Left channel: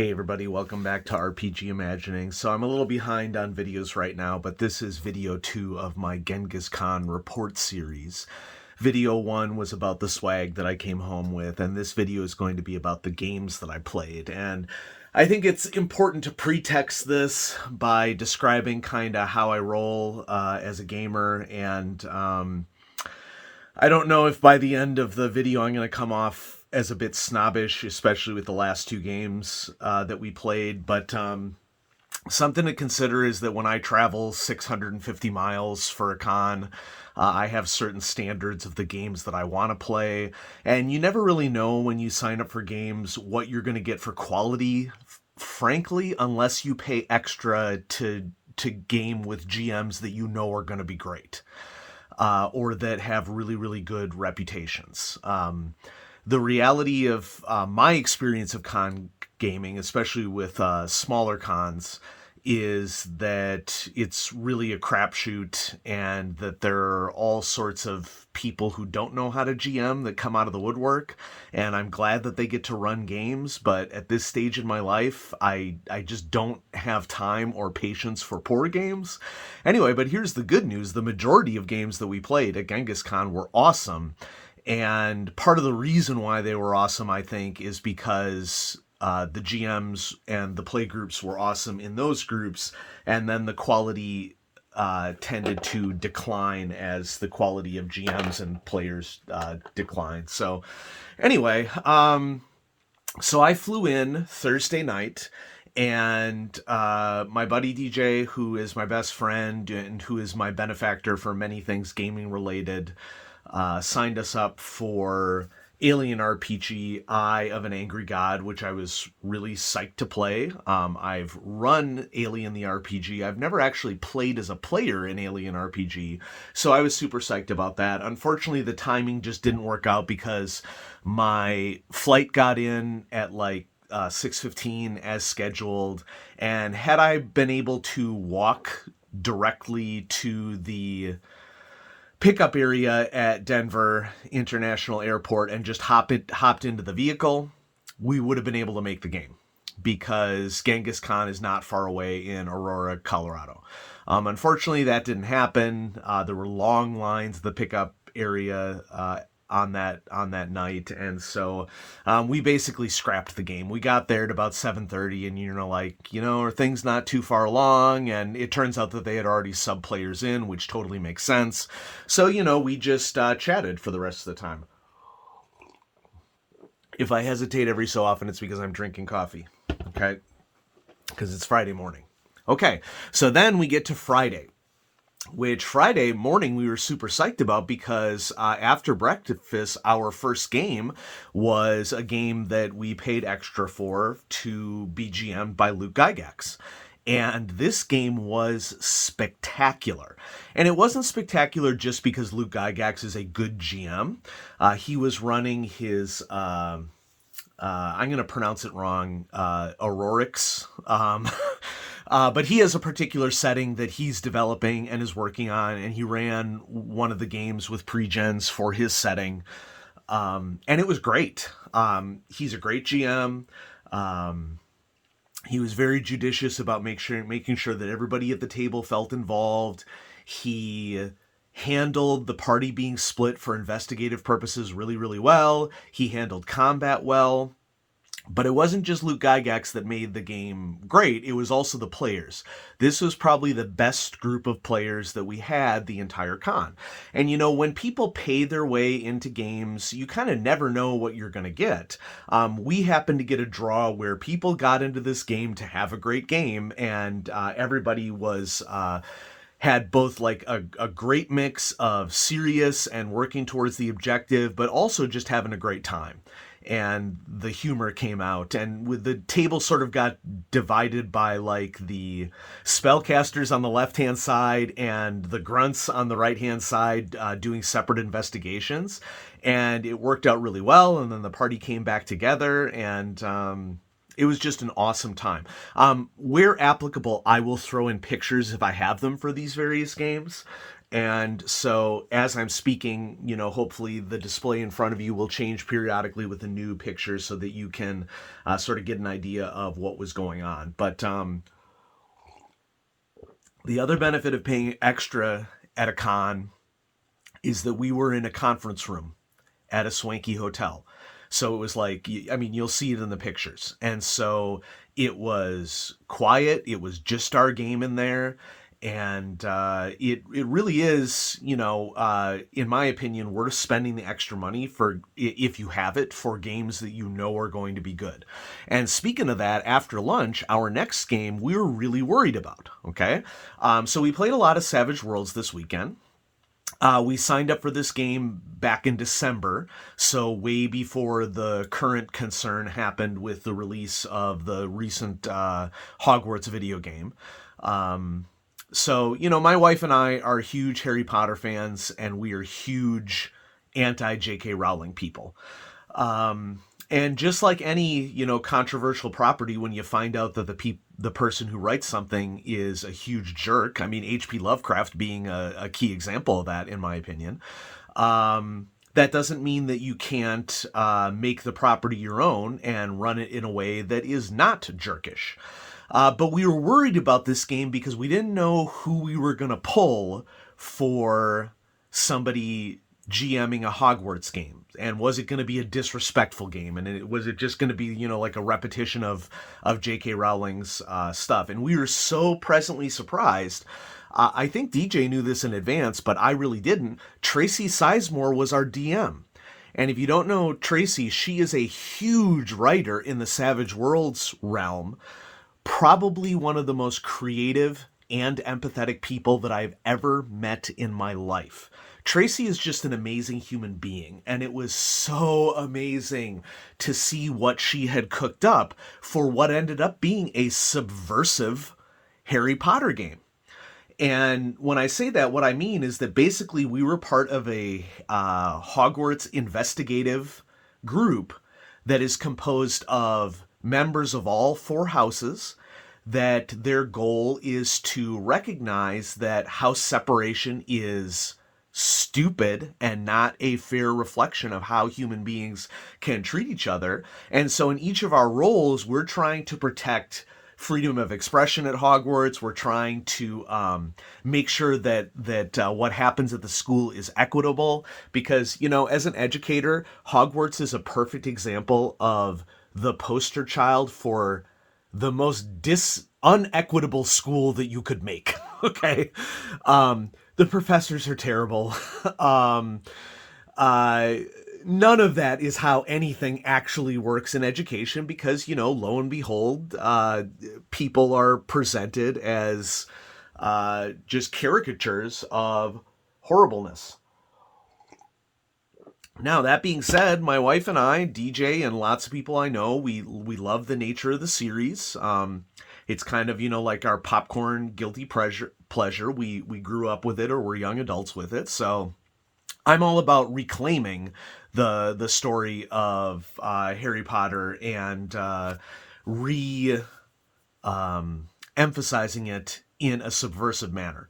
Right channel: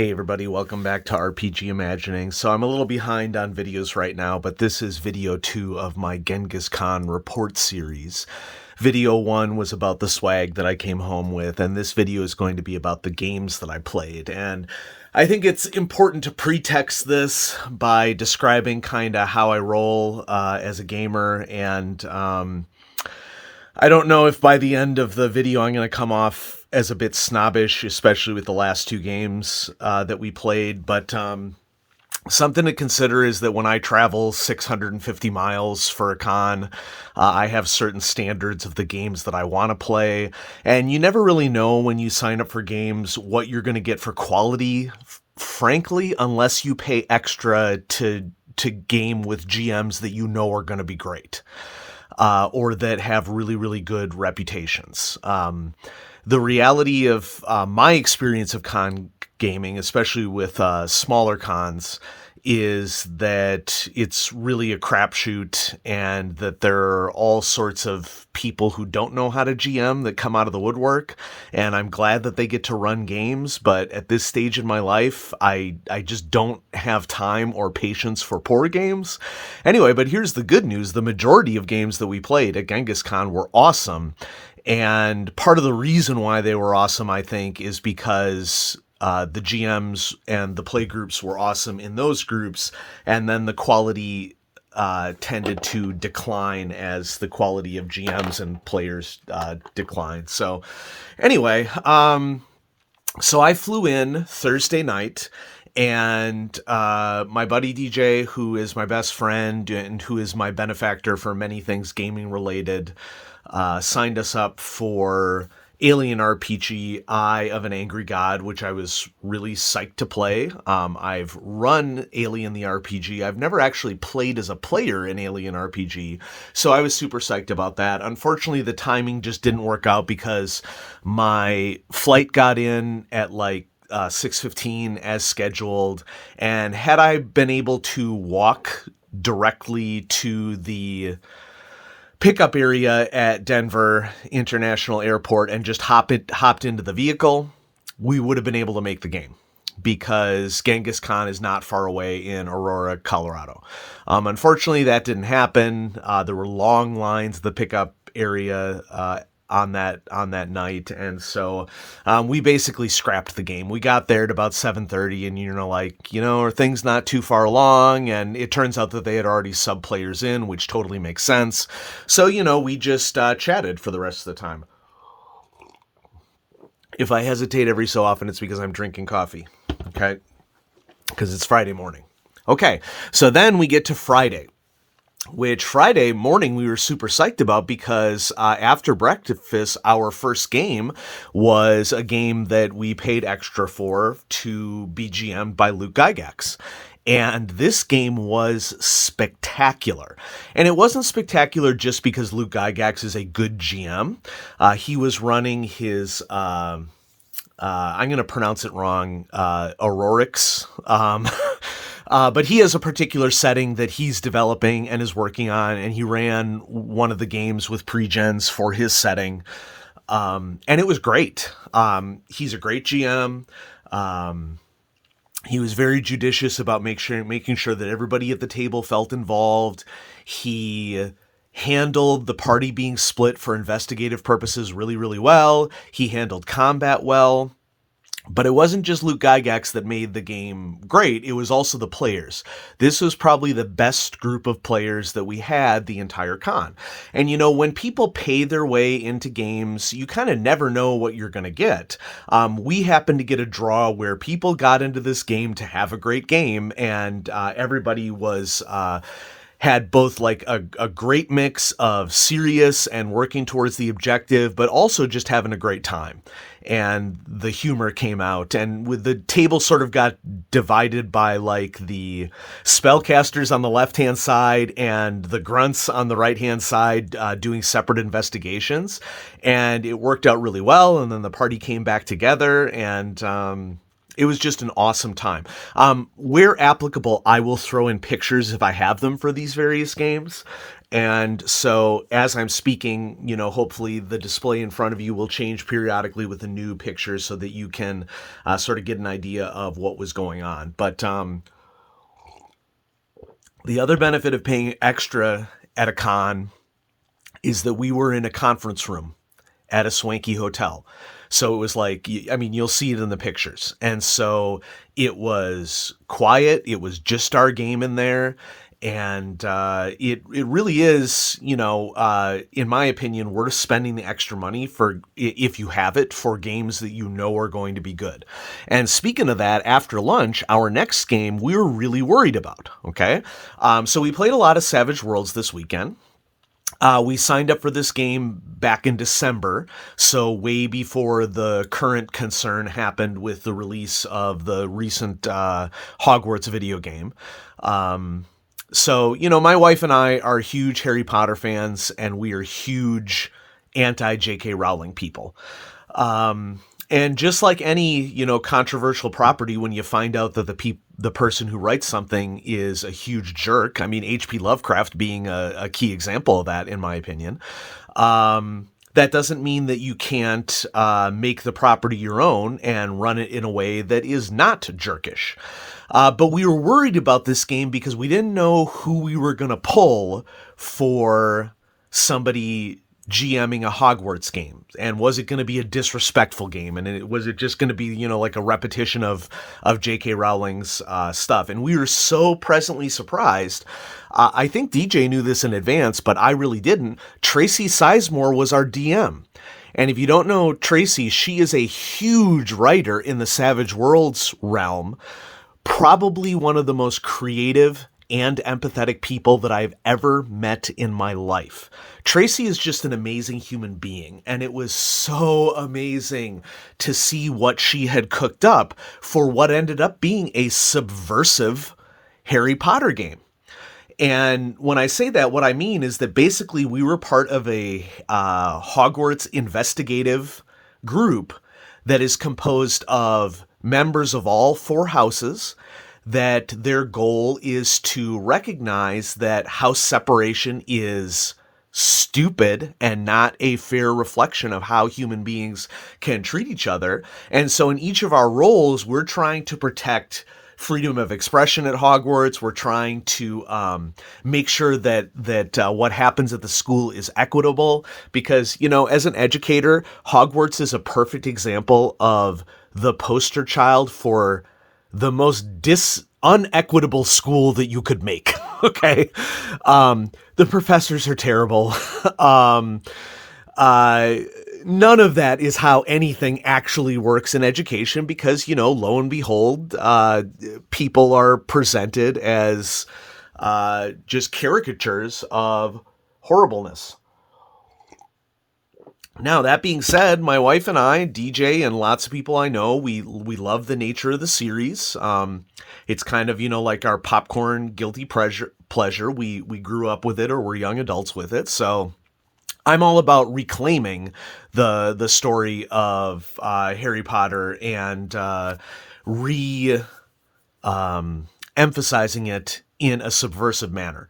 Hey everybody, welcome back to RPG Imagining. So I'm a little behind on videos right now, but this is video 2 of my Ghengis Khan report series. Video 1 was about the swag that I came home with, and this video is going to be about the games that I played. And I think it's important to pretext this by describing kind of how I roll as a gamer, and I don't know if by the end of the video I'm going to come off as a bit snobbish, especially with the last two games that we played, but something to consider is that when I travel 650 miles for a con, I have certain standards of the games that I want to play, and you never really know when you sign up for games what you're going to get for quality, frankly, unless you pay extra to game with GMs that you know are going to be great. Or that have really, really good reputations. The reality of my experience of con gaming, especially with smaller cons, is that it's really a crapshoot, and that there are all sorts of people who don't know how to GM that come out of the woodwork. And I'm glad that they get to run games, but at this stage in my life, I just don't have time or patience for poor games. Anyway, but here's the good news. The majority of games that we played at Ghengis Khan were awesome. And part of the reason why they were awesome, I think, is because the GMs and the play groups were awesome in those groups, and then the quality tended to decline as the quality of GMs and players declined. So anyway, so I flew in Thursday night, and my buddy DJ, who is my best friend and who is my benefactor for many things gaming related, signed us up for Alien RPG, Eye of an Angry God, which I was really psyched to play. I've run Alien the RPG. I've never actually played as a player in Alien RPG, so I was super psyched about that. Unfortunately, the timing just didn't work out because my flight got in at like 6:15 as scheduled, and had I been able to walk directly to the pickup area at Denver International Airport and just hopped into the vehicle, we would have been able to make the game, because Ghengis Khan is not far away in Aurora, Colorado. Unfortunately, that didn't happen. There were long lines at the pickup area on that night, and so we basically scrapped the game. We got there at about 7:30, and are things not too far along? And it turns out that they had already sub players in, which totally makes sense. So we just chatted for the rest of the time. If I hesitate every so often, it's because I'm drinking coffee. Okay, because it's Friday morning. Okay, so then we get to Friday, which Friday morning we were super psyched about, because after breakfast, our first game was a game that we paid extra for to be GM'd by Luke Gygax. And this game was spectacular. And it wasn't spectacular just because Luke Gygax is a good GM. He was running his... I'm going to pronounce it wrong, Aurorix. But he has a particular setting that he's developing and is working on, and he ran one of the games with pre-gens for his setting. And it was great. He's a great GM. He was very judicious about making sure that everybody at the table felt involved. He handled the party being split for investigative purposes really, really well. He handled combat well. But it wasn't just Luke Gygax that made the game great. It was also the players. This was probably the best group of players that we had the entire con. And when people pay their way into games, you kind of never know what you're going to get. We happened to get a draw where people got into this game to have a great game, and everybody was... had both like a great mix of serious and working towards the objective, but also just having a great time. And the humor came out, and with the table sort of got divided by like the spellcasters on the left-hand side and the grunts on the right-hand side doing separate investigations. And it worked out really well. And then the party came back together, and It was just an awesome time. Where applicable, I will throw in pictures if I have them for these various games. And so as I'm speaking, hopefully the display in front of you will change periodically with the new pictures so that you can sort of get an idea of what was going on. But the other benefit of paying extra at a con is that we were in a conference room at a swanky hotel. So it was like, I mean, you'll see it in the pictures. And so it was quiet. It was just our game in there. And it really is, in my opinion, worth spending the extra money for, if you have it, for games that you know are going to be good. And speaking of that, after lunch, our next game we were really worried about. Okay, so we played a lot of Savage Worlds this weekend. We signed up for this game back in December, so way before the current concern happened with the release of the recent Hogwarts video game. So, my wife and I are huge Harry Potter fans, and we are huge anti-J.K. Rowling people. And just like any, controversial property, when you find out that the person who writes something is a huge jerk, I mean, H.P. Lovecraft being a key example of that, in my opinion, that doesn't mean that you can't make the property your own and run it in a way that is not jerkish. But we were worried about this game because we didn't know who we were going to pull for somebody GMing a Hogwarts game, and was it going to be a disrespectful game, and was it just going to be like a repetition of J.K. Rowling's stuff? And we were so pleasantly surprised. I think DJ knew this in advance, but I really didn't. Tracy Sizemore was our DM. And if you don't know Tracy, she is a huge writer in the Savage Worlds realm, probably one of the most creative and empathetic people that I've ever met in my life. Tracy is just an amazing human being, and it was so amazing to see what she had cooked up for what ended up being a subversive Harry Potter game. And when I say that, what I mean is that basically we were part of a Hogwarts investigative group that is composed of members of all four houses, that their goal is to recognize that house separation is stupid and not a fair reflection of how human beings can treat each other. And so in each of our roles, we're trying to protect freedom of expression at Hogwarts. We're trying to make sure that what happens at the school is equitable, because, as an educator, Hogwarts is a perfect example of the poster child for the most unequitable school that you could make. Okay. The professors are terrible. None of that is how anything actually works in education, because, lo and behold, people are presented as just caricatures of horribleness. Now, that being said, my wife and I, DJ, and lots of people I know, we love the nature of the series. It's kind of, like our popcorn guilty pleasure. We grew up with it, or we're young adults with it. So I'm all about reclaiming the story of Harry Potter and emphasizing it in a subversive manner.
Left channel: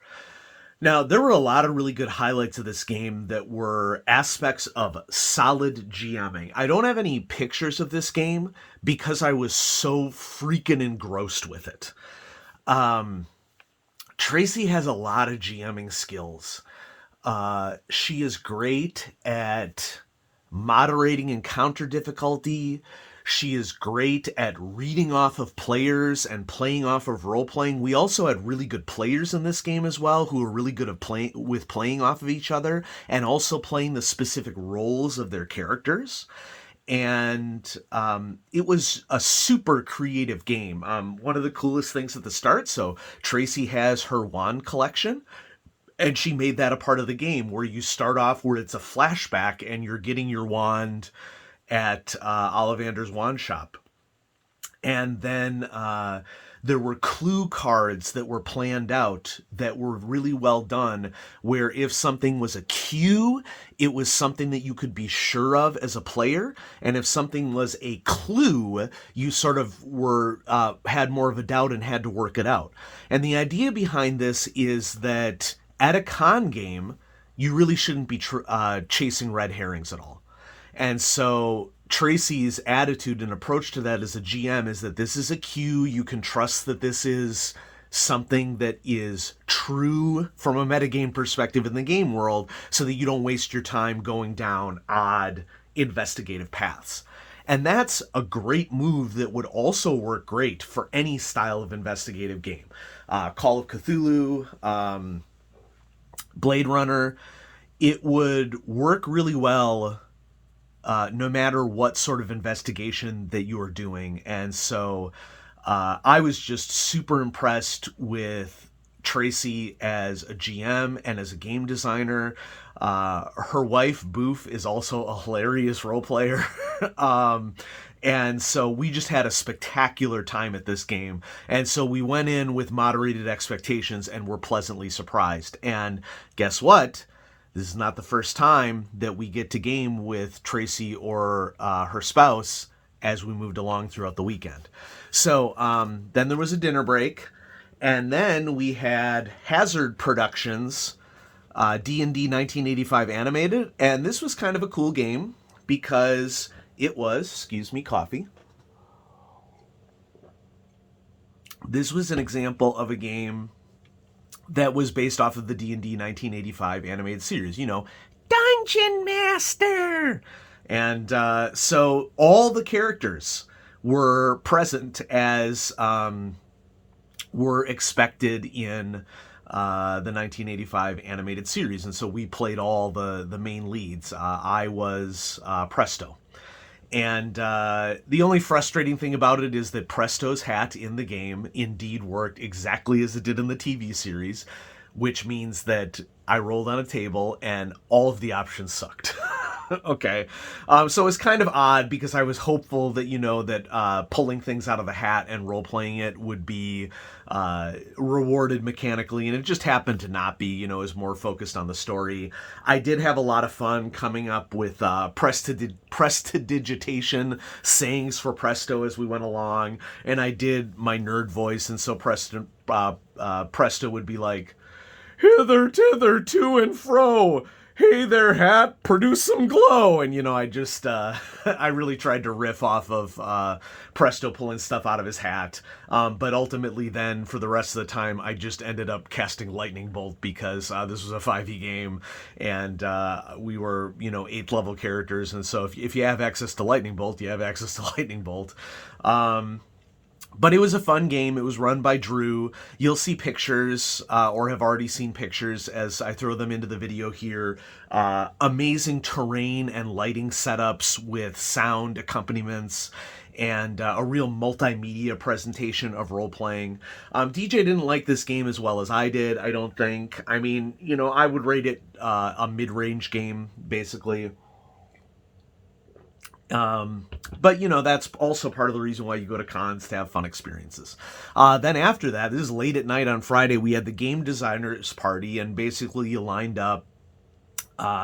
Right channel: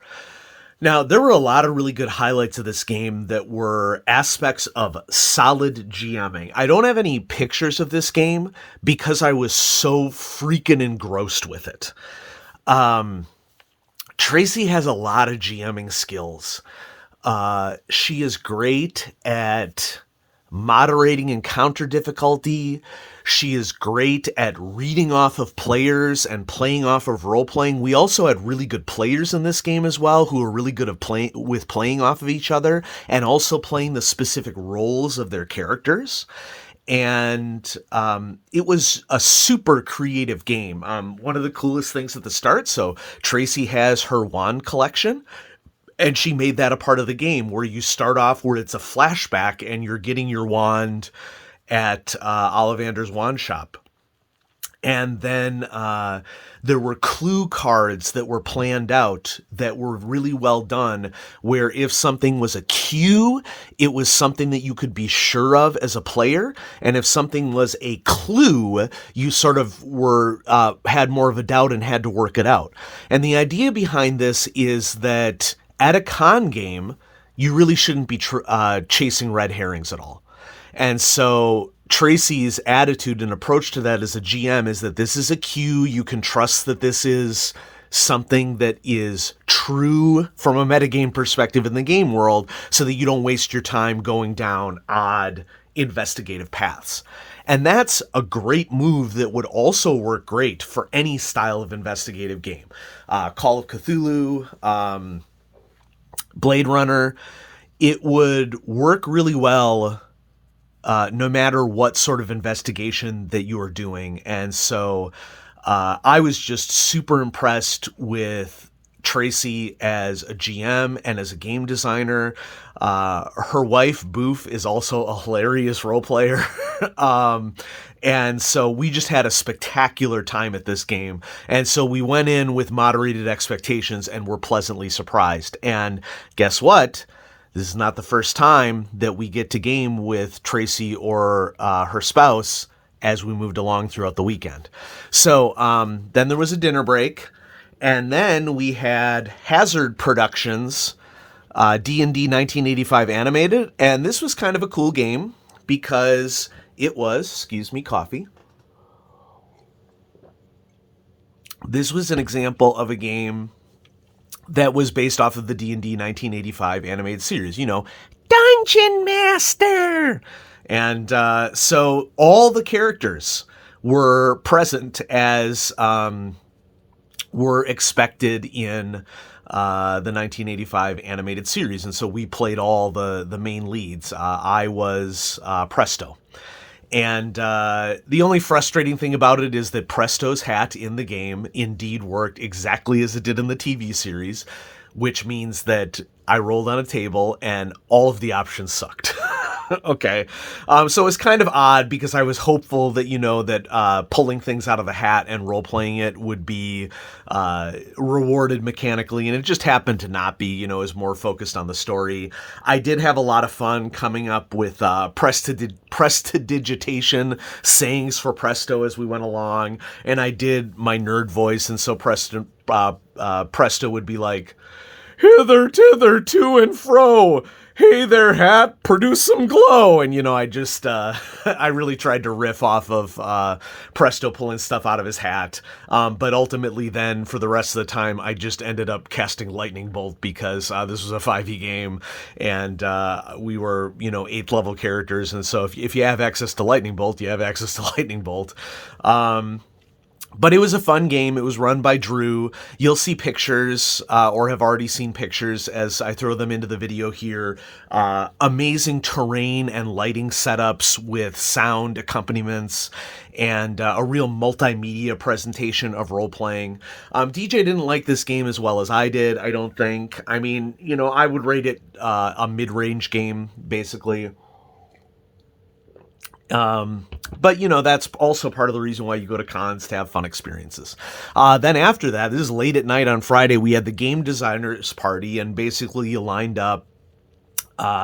Now, there were a lot of really good highlights of this game that were aspects of solid GMing. I don't have any pictures of this game because I was so freaking engrossed with it. Tracy has a lot of GMing skills. She is great at moderating encounter difficulty. She is great at reading off of players and playing off of role-playing. We also had really good players in this game as well, who are really good at playing off of each other and also playing the specific roles of their characters. And it was a super creative game. One of the coolest things at the start, so Tracy has her wand collection, and she made that a part of the game, where you start off where it's a flashback and you're getting your wand at Ollivander's wand shop. And then There were clue cards that were planned out that were really well done, where if something was a cue, it was something that you could be sure of as a player. And if something was a clue, you sort of were had more of a doubt and had to work it out. And the idea behind this is that at a con game, you really shouldn't be chasing red herrings at all. And so Tracy's attitude and approach to that as a GM is that this is a cue. You can trust that this is something that is true from a metagame perspective in the game world, so that you don't waste your time going down odd investigative paths. And that's a great move that would also work great for any style of investigative game. Call of Cthulhu, Blade Runner, it would work really well no matter what sort of investigation that you are doing. And so I was just super impressed with Tracy as a GM and as a game designer. Her wife, Boof, is also a hilarious role player. And so we just had a spectacular time at this game. And so we went in with moderated expectations and were pleasantly surprised. And guess what? This is not the first time that we get to game with Tracy or her spouse as we moved along throughout the weekend. So then there was a dinner break, and then we had Hazard Productions, D&D 1985 animated, and this was kind of a cool game because it was, excuse me, coffee. This was an example of a game that was based off of the D&D 1985 animated series, Dungeon Master. And so all the characters were present as were expected in the 1985 animated series. And so we played all the main leads. I was Presto. And the only frustrating thing about it is that Presto's hat in the game indeed worked exactly as it did in the TV series, which means that I rolled on a table and all of the options sucked. Okay. So it's kind of odd because I was hopeful that, that pulling things out of the hat and role-playing it would be rewarded mechanically, and it just happened to not be. It was more focused on the story. I did have a lot of fun coming up with prestidigitation sayings for Presto as we went along, and I did my nerd voice, and so Presto would be like, "Hither, tither, to and fro. Hey there, hat, produce some glow." And, I just, I really tried to riff off of Presto pulling stuff out of his hat. But ultimately then, for the rest of the time, I just ended up casting Lightning Bolt because this was a 5e game, and we were, 8th level characters. And so if you have access to Lightning Bolt, you have access to Lightning Bolt. But it was a fun game. It was run by Drew. You'll see pictures or have already seen pictures as I throw them into the video here. Amazing terrain and lighting setups with sound accompaniments and a real multimedia presentation of role-playing. DJ didn't like this game as well as I did, I don't think. I mean, I would rate it a mid-range game, basically. But that's also part of the reason why you go to cons, to have fun experiences. Then after that, this is late at night on Friday, we had the game designers party, and basically you lined up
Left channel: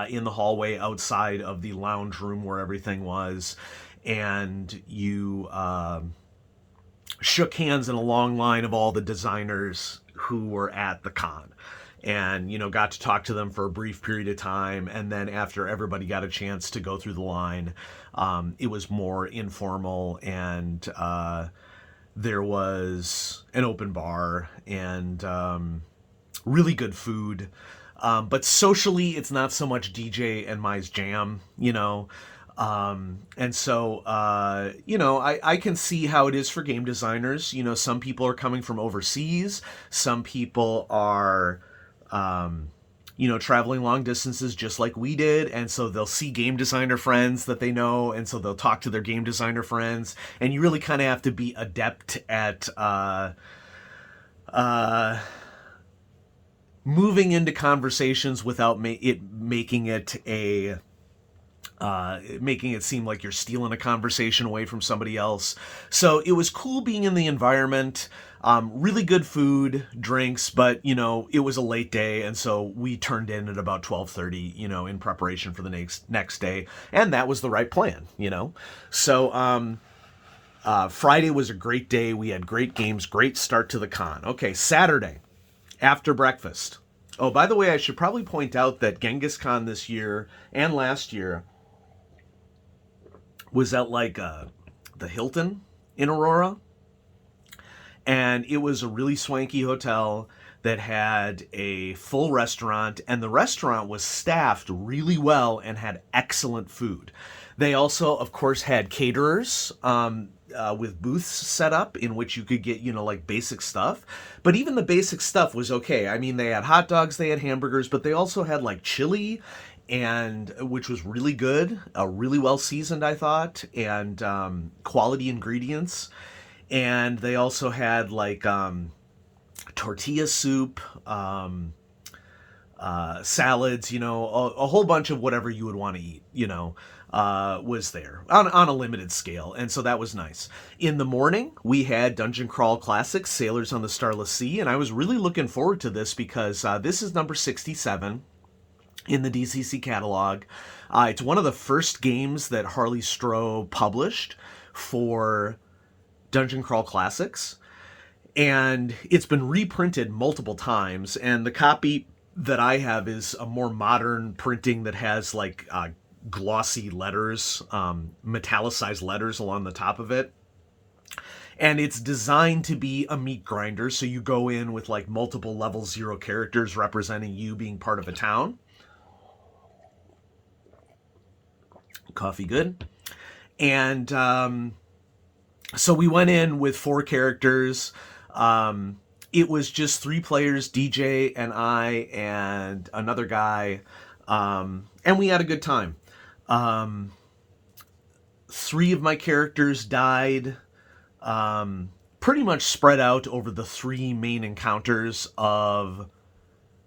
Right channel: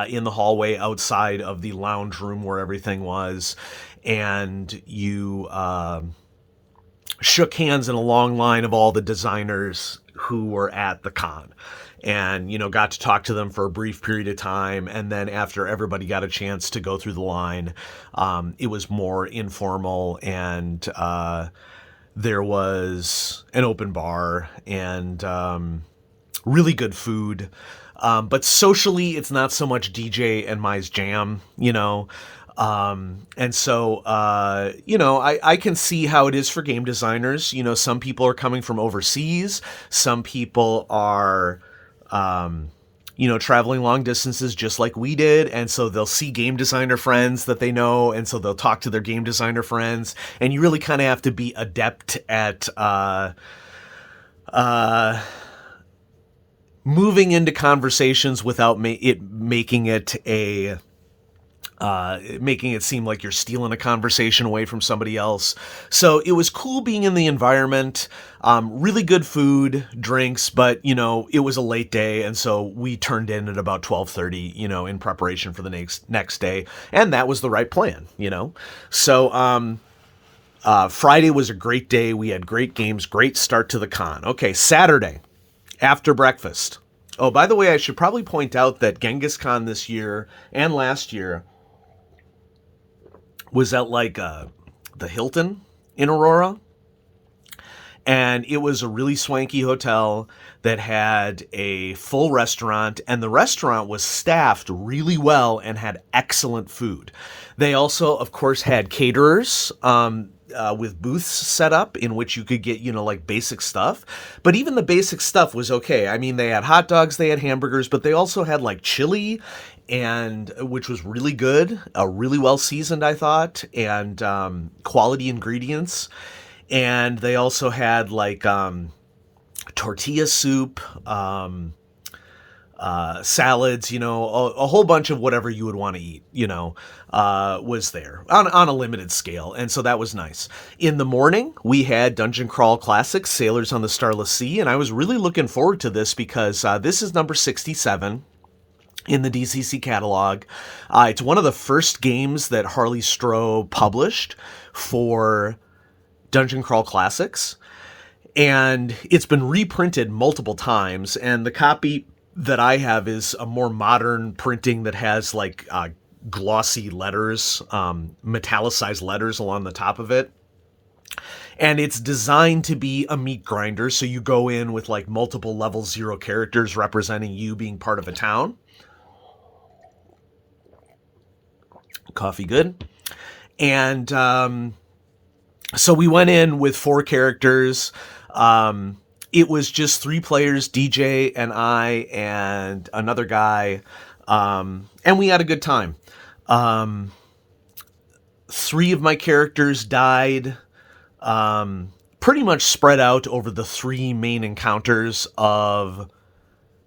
in the hallway outside of the lounge room where everything was, and you shook hands in a long line of all the designers who were at the con. And, got to talk to them for a brief period of time. And then after everybody got a chance to go through the line, it was more informal, and there was an open bar and really good food. But socially, it's not so much DJ and Mai's jam, and so, I can see how it is for game designers. Some people are coming from overseas. Some people are traveling long distances just like we did. And so they'll see game designer friends that they know. And so they'll talk to their game designer friends. And you really kind of have to be adept at moving into conversations without making it a making it seem like you're stealing a conversation away from somebody else. So it was cool being in the environment. Really good food, drinks, but it was a late day, and so we turned in at about 12:30, in preparation for the next day, and that was the right plan. So Friday was a great day. We had great games, great start to the con. Okay, Saturday after breakfast. Oh, by the way, I should probably point out that Genghis Khan this year and last year was at the Hilton in Aurora, and it was a really swanky hotel that had a full restaurant, and the restaurant was staffed really well and had excellent food. They also, of course, had caterers with booths set up in which you could get, like basic stuff. But even the basic stuff was okay. I mean, they had hot dogs, they had hamburgers, but they also had like chili, and which was really good, really well seasoned, I thought, and quality ingredients. And they also had like tortilla soup, salads, a whole bunch of whatever you would want to eat, was there on a limited scale. And so that was nice. In the morning, we had Dungeon Crawl Classics, Sailors on the Starless Sea. And I was really looking forward to this because this is number 67 in the DCC catalog. It's one of the first games that Harley Stroh published for Dungeon Crawl Classics, and it's been reprinted multiple times, and the copy that I have is a more modern printing that has like glossy letters, metallicized letters along the top of it. And it's designed to be a meat grinder, so you go in with like multiple level 0 characters representing you being part of a town. Coffee good. And so we went in with 4 characters. It was just 3 players, DJ and I and another guy, and we had a good time. 3 of my characters died, pretty much spread out over the 3 main encounters of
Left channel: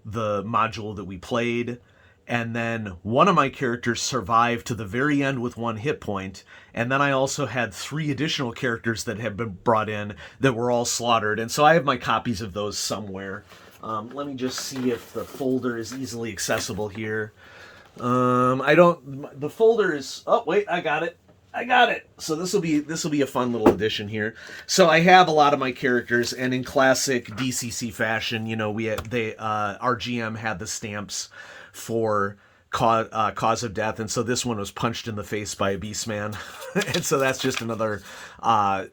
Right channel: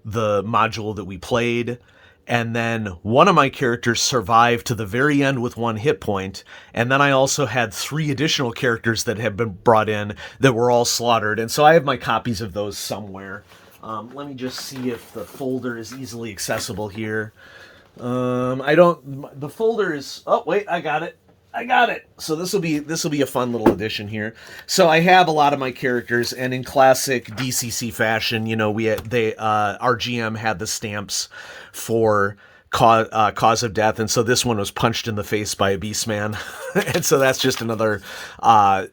the module that we played. And then one of my characters survived to the very end with 1 hit point. And then I also had 3 additional characters that had been brought in that were all slaughtered. And so I have my copies of those somewhere. Let me just see if the folder is easily accessible here. The folder is, oh wait, I got it. So this will be a fun little addition here. So I have a lot of my characters, and in classic DCC fashion, our GM had the stamps for cause of death, and so this one was punched in the face by a Beastman, and so that's just another. I'm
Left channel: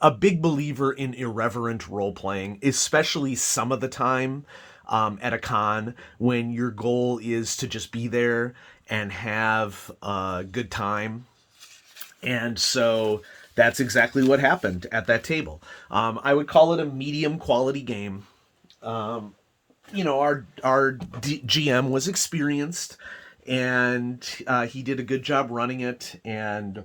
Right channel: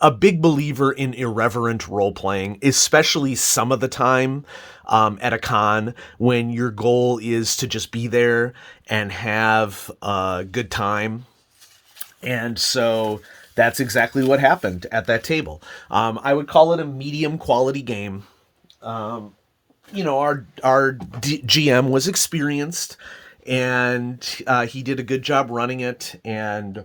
a big believer in irreverent role playing, especially some of the time. At a con, when your goal is to just be there and have a good time. And so that's exactly what happened at that table. I would call it a medium quality game. Our GM was experienced, and he did a good job running it, and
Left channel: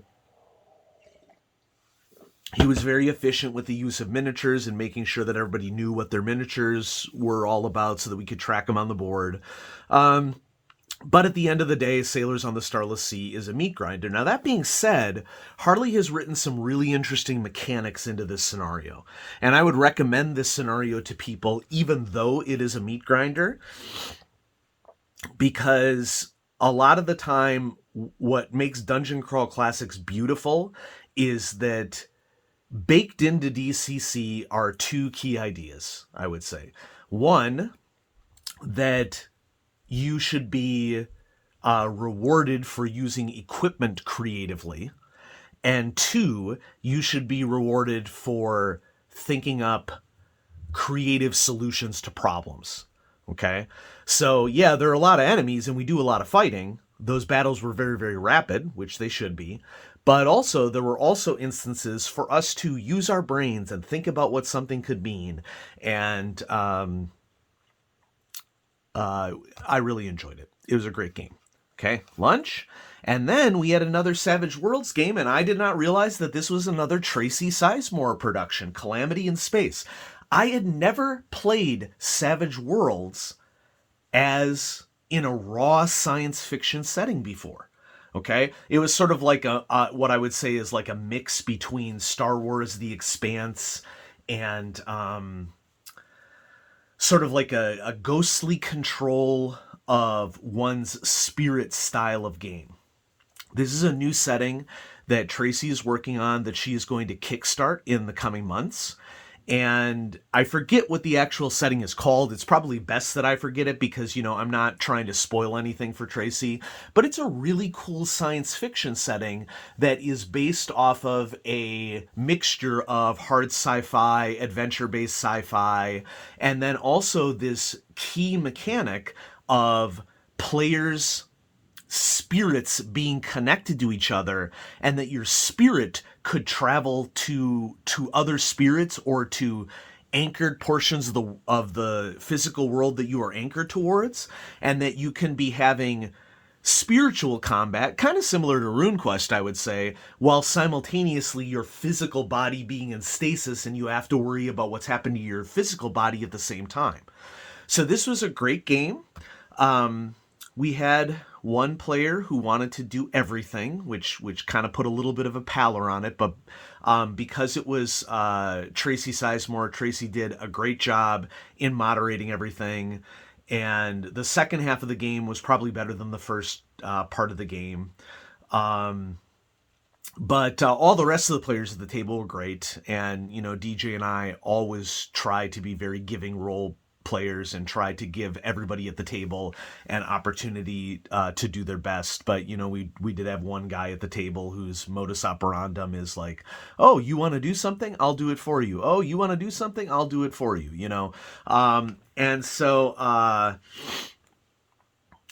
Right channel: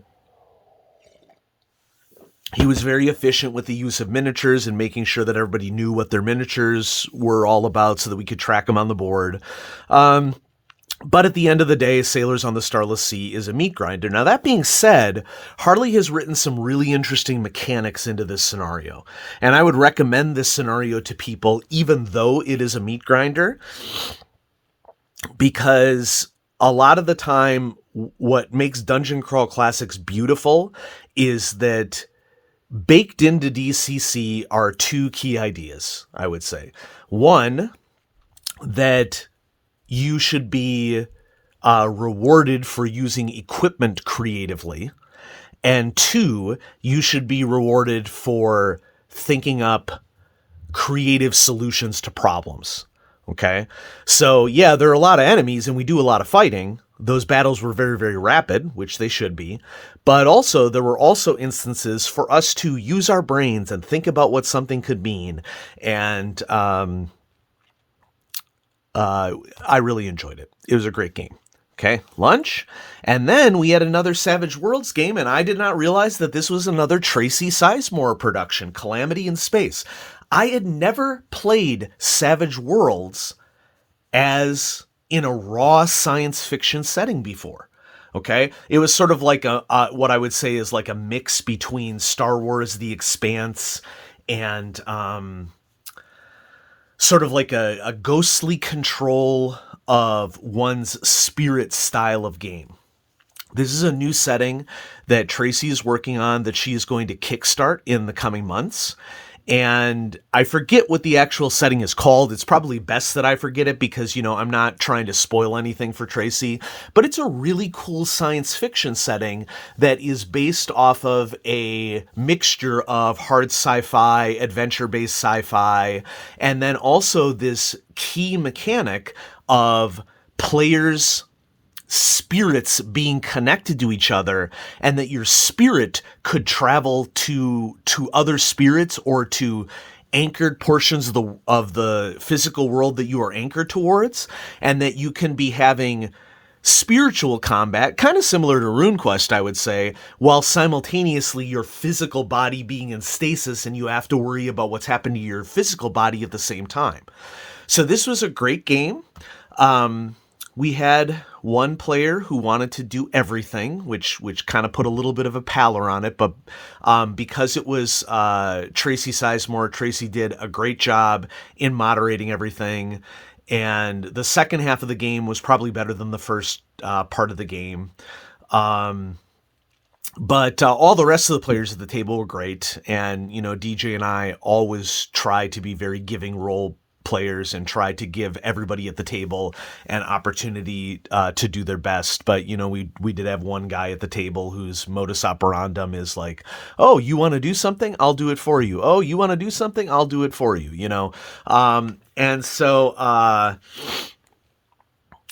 he was very efficient with the use of miniatures and making sure that everybody knew what their miniatures were all about so that we could track them on the board. But at the end of the day, Sailors on the Starless Sea is a meat grinder. Now, that being said, Harley has written some really interesting mechanics into this scenario. And I would recommend this scenario to people, even though it is a meat grinder, because a lot of the time, what makes Dungeon Crawl Classics beautiful is that baked into DCC are 2 key ideas, I would say. One, that you should be rewarded for using equipment creatively. And 2, you should be rewarded for thinking up creative solutions to problems. Okay? So, yeah, there are a lot of enemies and we do a lot of fighting. Those battles were very, very rapid, which they should be. But also, there were also instances for us to use our brains and think about what something could mean. And I really enjoyed it. It was a great game. Okay, lunch. And then we had another Savage Worlds game, and I did not realize that this was another Tracy Sizemore production, Calamity in Space. I had never played Savage Worlds as in a raw science fiction setting before. Okay, it was sort of like what I would say is like a mix between Star Wars: The Expanse and sort of like a ghostly control of one's spirit style of game. This is a new setting that Tracy is working on that she is going to kickstart in the coming months. And I forget what the actual setting is called. It's probably best that I forget it because, I'm not trying to spoil anything for Tracy, but it's a really cool science fiction setting that is based off of a mixture of hard sci-fi, adventure-based sci-fi, and then also this key mechanic of players' spirits being connected to each other, and that your spirit could travel to other spirits or to anchored portions of the physical world that you are anchored towards, and that you can be having spiritual combat, kind of similar to RuneQuest, I would say, while simultaneously your physical body being in stasis and you have to worry about what's happened to your physical body at the same time. So this was a great game. We had one player who wanted to do everything, which kind of put a little bit of a pallor on it. But because it was Tracy Sizemore, Tracy did a great job in moderating everything. And the second half of the game was probably better than the first part of the game. But all the rest of the players at the table were great. And, DJ and I always try to be very giving role players and try to give everybody at the table an opportunity to do their best. But, we did have one guy at the table whose modus operandum is like, oh, you want to do something? I'll do it for you. Oh, you want to do something? I'll do it for you, And so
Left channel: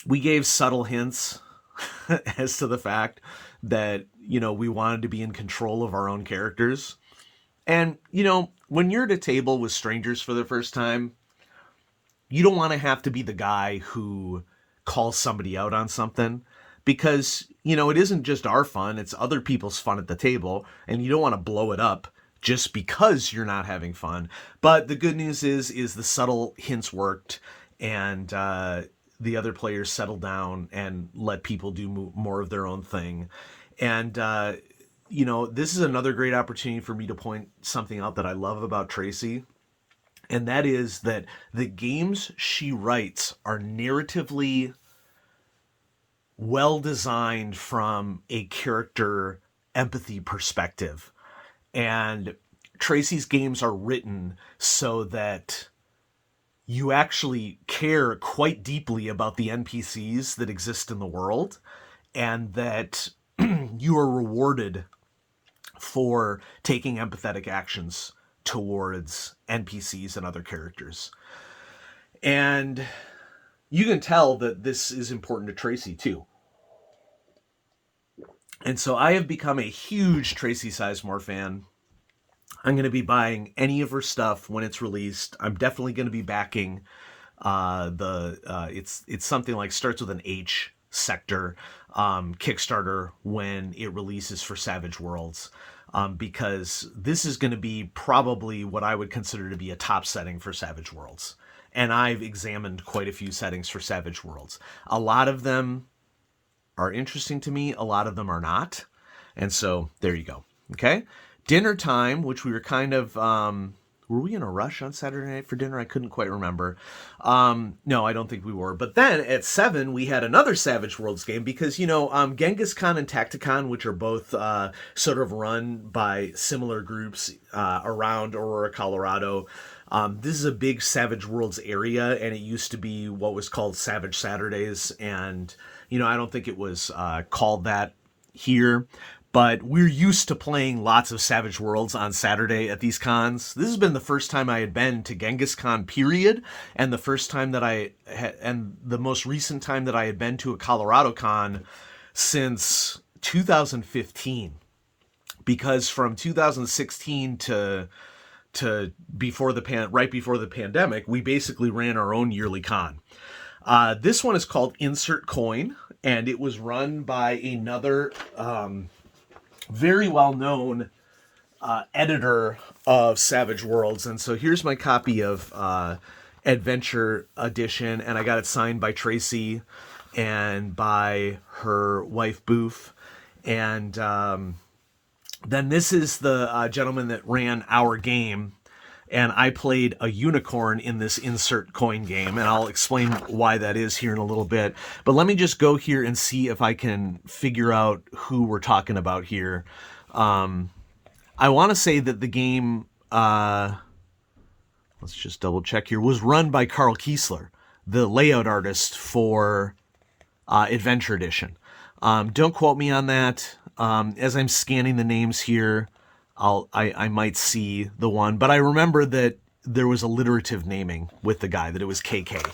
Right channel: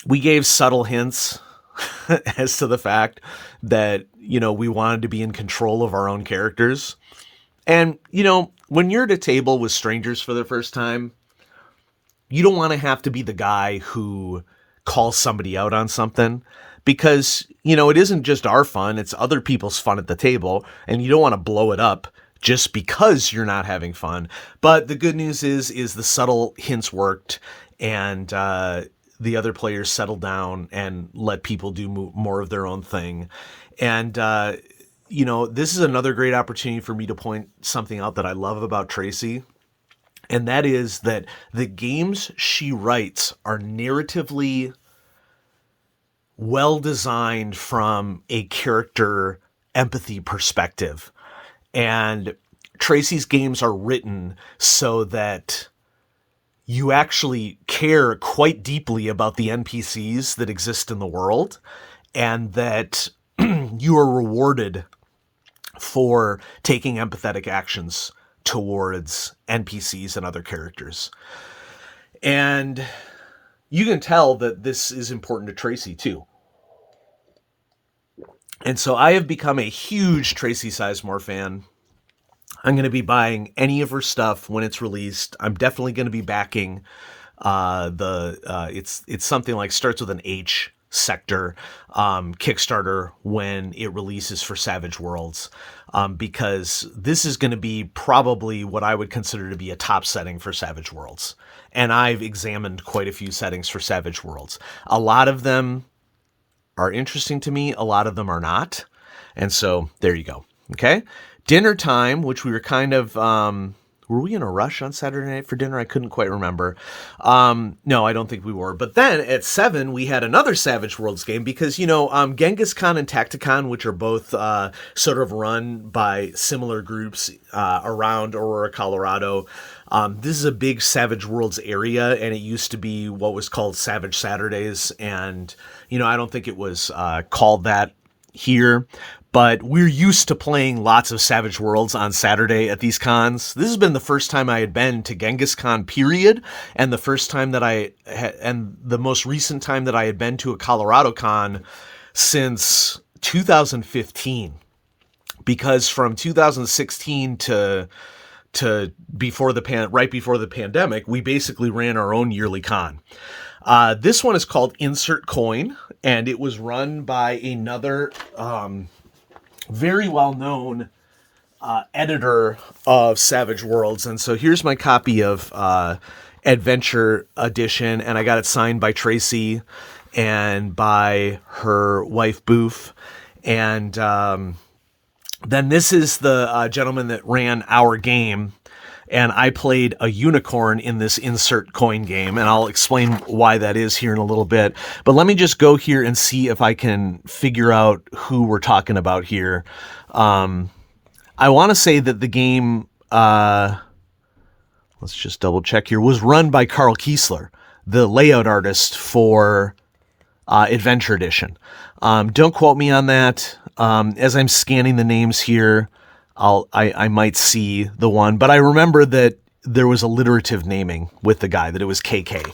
we gave subtle hints as to the fact that, we wanted to be in control of our own characters. And, when you're at a table with strangers for the first time, you don't want to have to be the guy who calls somebody out on something because, it isn't just our fun, it's other people's fun at the table, and you don't want to blow it up just because you're not having fun. But the good news is the subtle hints worked, and the other players settled down and let people do more of their own thing. And, this is another great opportunity for me to point something out that I love about Tracy. And that is that the games she writes are narratively well designed from a character empathy perspective. And Tracy's games are written so that you actually care quite deeply about the NPCs that exist in the world, and that you are rewarded for taking empathetic actions towards NPCs and other characters. And you can tell that this is important to Tracy too. And so I have become a huge Tracy Sizemore fan. I'm going to be buying any of her stuff when it's released. I'm definitely going to be backing it's something like starts with an H sector Kickstarter when it releases for Savage Worlds, because this is going to be probably what I would consider to be a top setting for Savage Worlds. And I've examined quite a few settings for Savage Worlds. A lot of them are interesting to me. A lot of them are not. And so there you go. Okay. Dinner time, which we were kind of, were we in a rush on Saturday night for dinner? I couldn't quite remember. No, I don't think we were. But then at 7, we had another Savage Worlds game because, Ghengis Khan and Tacticon, which are both sort of run by similar groups around Aurora, Colorado. This is a big Savage Worlds area, and it used to be what was called Savage Saturdays. And, I don't think it was called that here. But we're used to playing lots of Savage Worlds on Saturday at these cons. This has been the first time I had been to Ghengis Khan, period, and the first time that and the most recent time that I had been to a Colorado con since 2015. Because from 2016 to before right before the pandemic, we basically ran our own yearly con. This one is called Insert Coin, and it was run by another very well-known editor of Savage Worlds. And so here's my copy of Adventure Edition, and I got it signed by Tracy and by her wife Boof. And then this is the gentleman that ran our game, and I played a unicorn in this insert coin game, and I'll explain why that is here in a little bit. But let me just go here and see if I can figure out who we're talking about here. I want to say that the game, let's just double check here, was run by Carl Kiesler, the layout artist for Adventure Edition. Don't quote me on that. As I'm scanning the names here, I might see the one, but I remember that there was alliterative naming with the guy, that it was KK.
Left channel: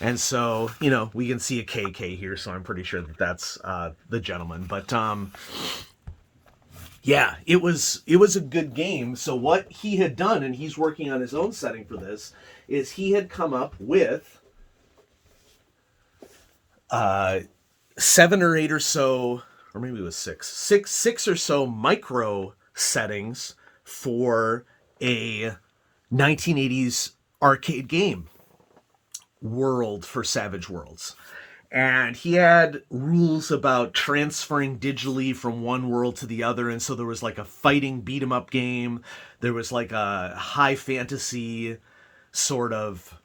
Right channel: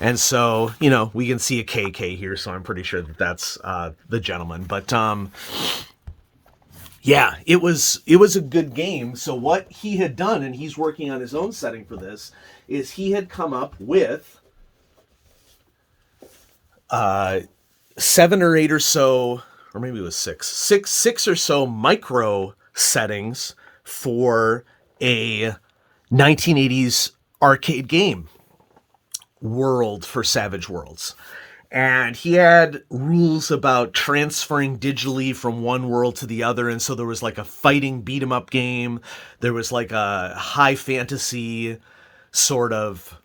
And so, you know, we can see a KK here, so I'm pretty sure that that's the gentleman. But yeah, it was a good game. So what he had done, and he's working on his own setting for this, is he had come up with 7 or 8 or so, or maybe it was six or so micro settings for a 1980s arcade game world for Savage Worlds. And he had rules about transferring digitally from one world to the other. And so there was like a fighting beat 'em up game. There was like a high fantasy sort of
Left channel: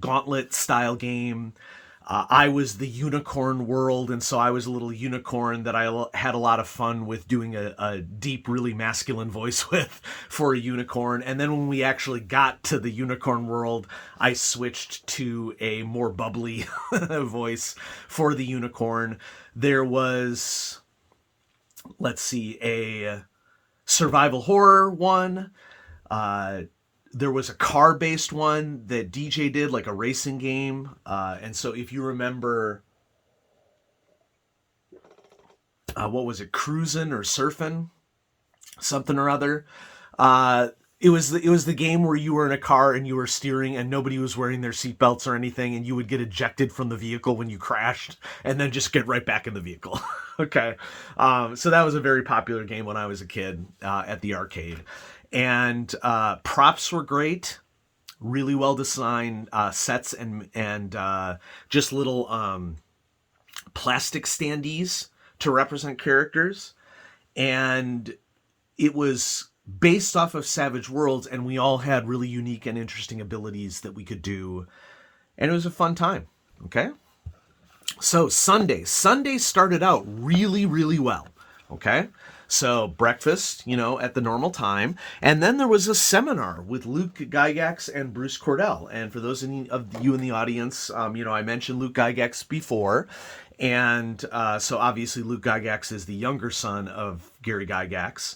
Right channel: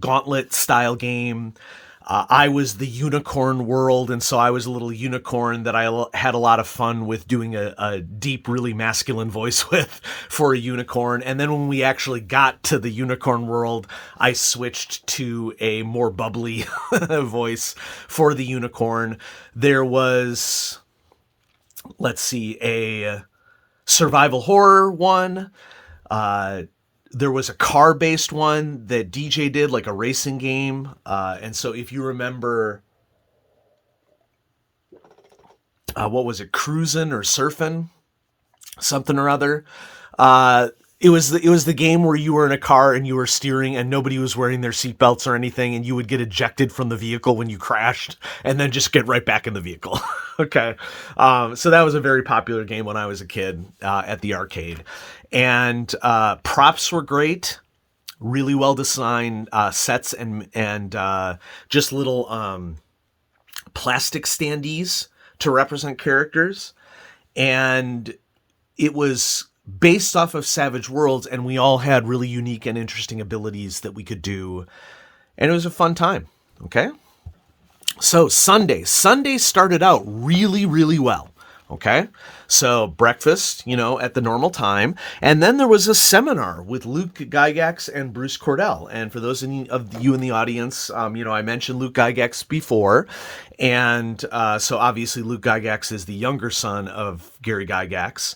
gauntlet style game. I was the unicorn world, and so I was a little unicorn that I had a lot of fun with doing a deep, really masculine voice with for a unicorn. And then when we actually got to the unicorn world, I switched to a more bubbly voice for the unicorn. There was, let's see, a survival horror one. There was a car-based one that DJ did, like a racing game. And so if you remember, what was it, Cruisin' or Surfin'? Something or other. It was the game where you were in a car and you were steering and nobody was wearing their seatbelts or anything, and you would get ejected from the vehicle when you crashed and then just get right back in the vehicle. Okay. So that was a very popular game when I was a kid at the arcade. And props were great, really well designed sets and just little plastic standees to represent characters. And it was based off of Savage Worlds, and we all had really unique and interesting abilities that we could do. And it was a fun time. Okay. So Sunday started out really, really well. Okay. So breakfast, you know, at the normal time. And then there was a seminar with Luke Gygax and Bruce Cordell. And for those of you in the audience, you know, I mentioned Luke Gygax before. And so obviously Luke Gygax is the younger son of Gary Gygax.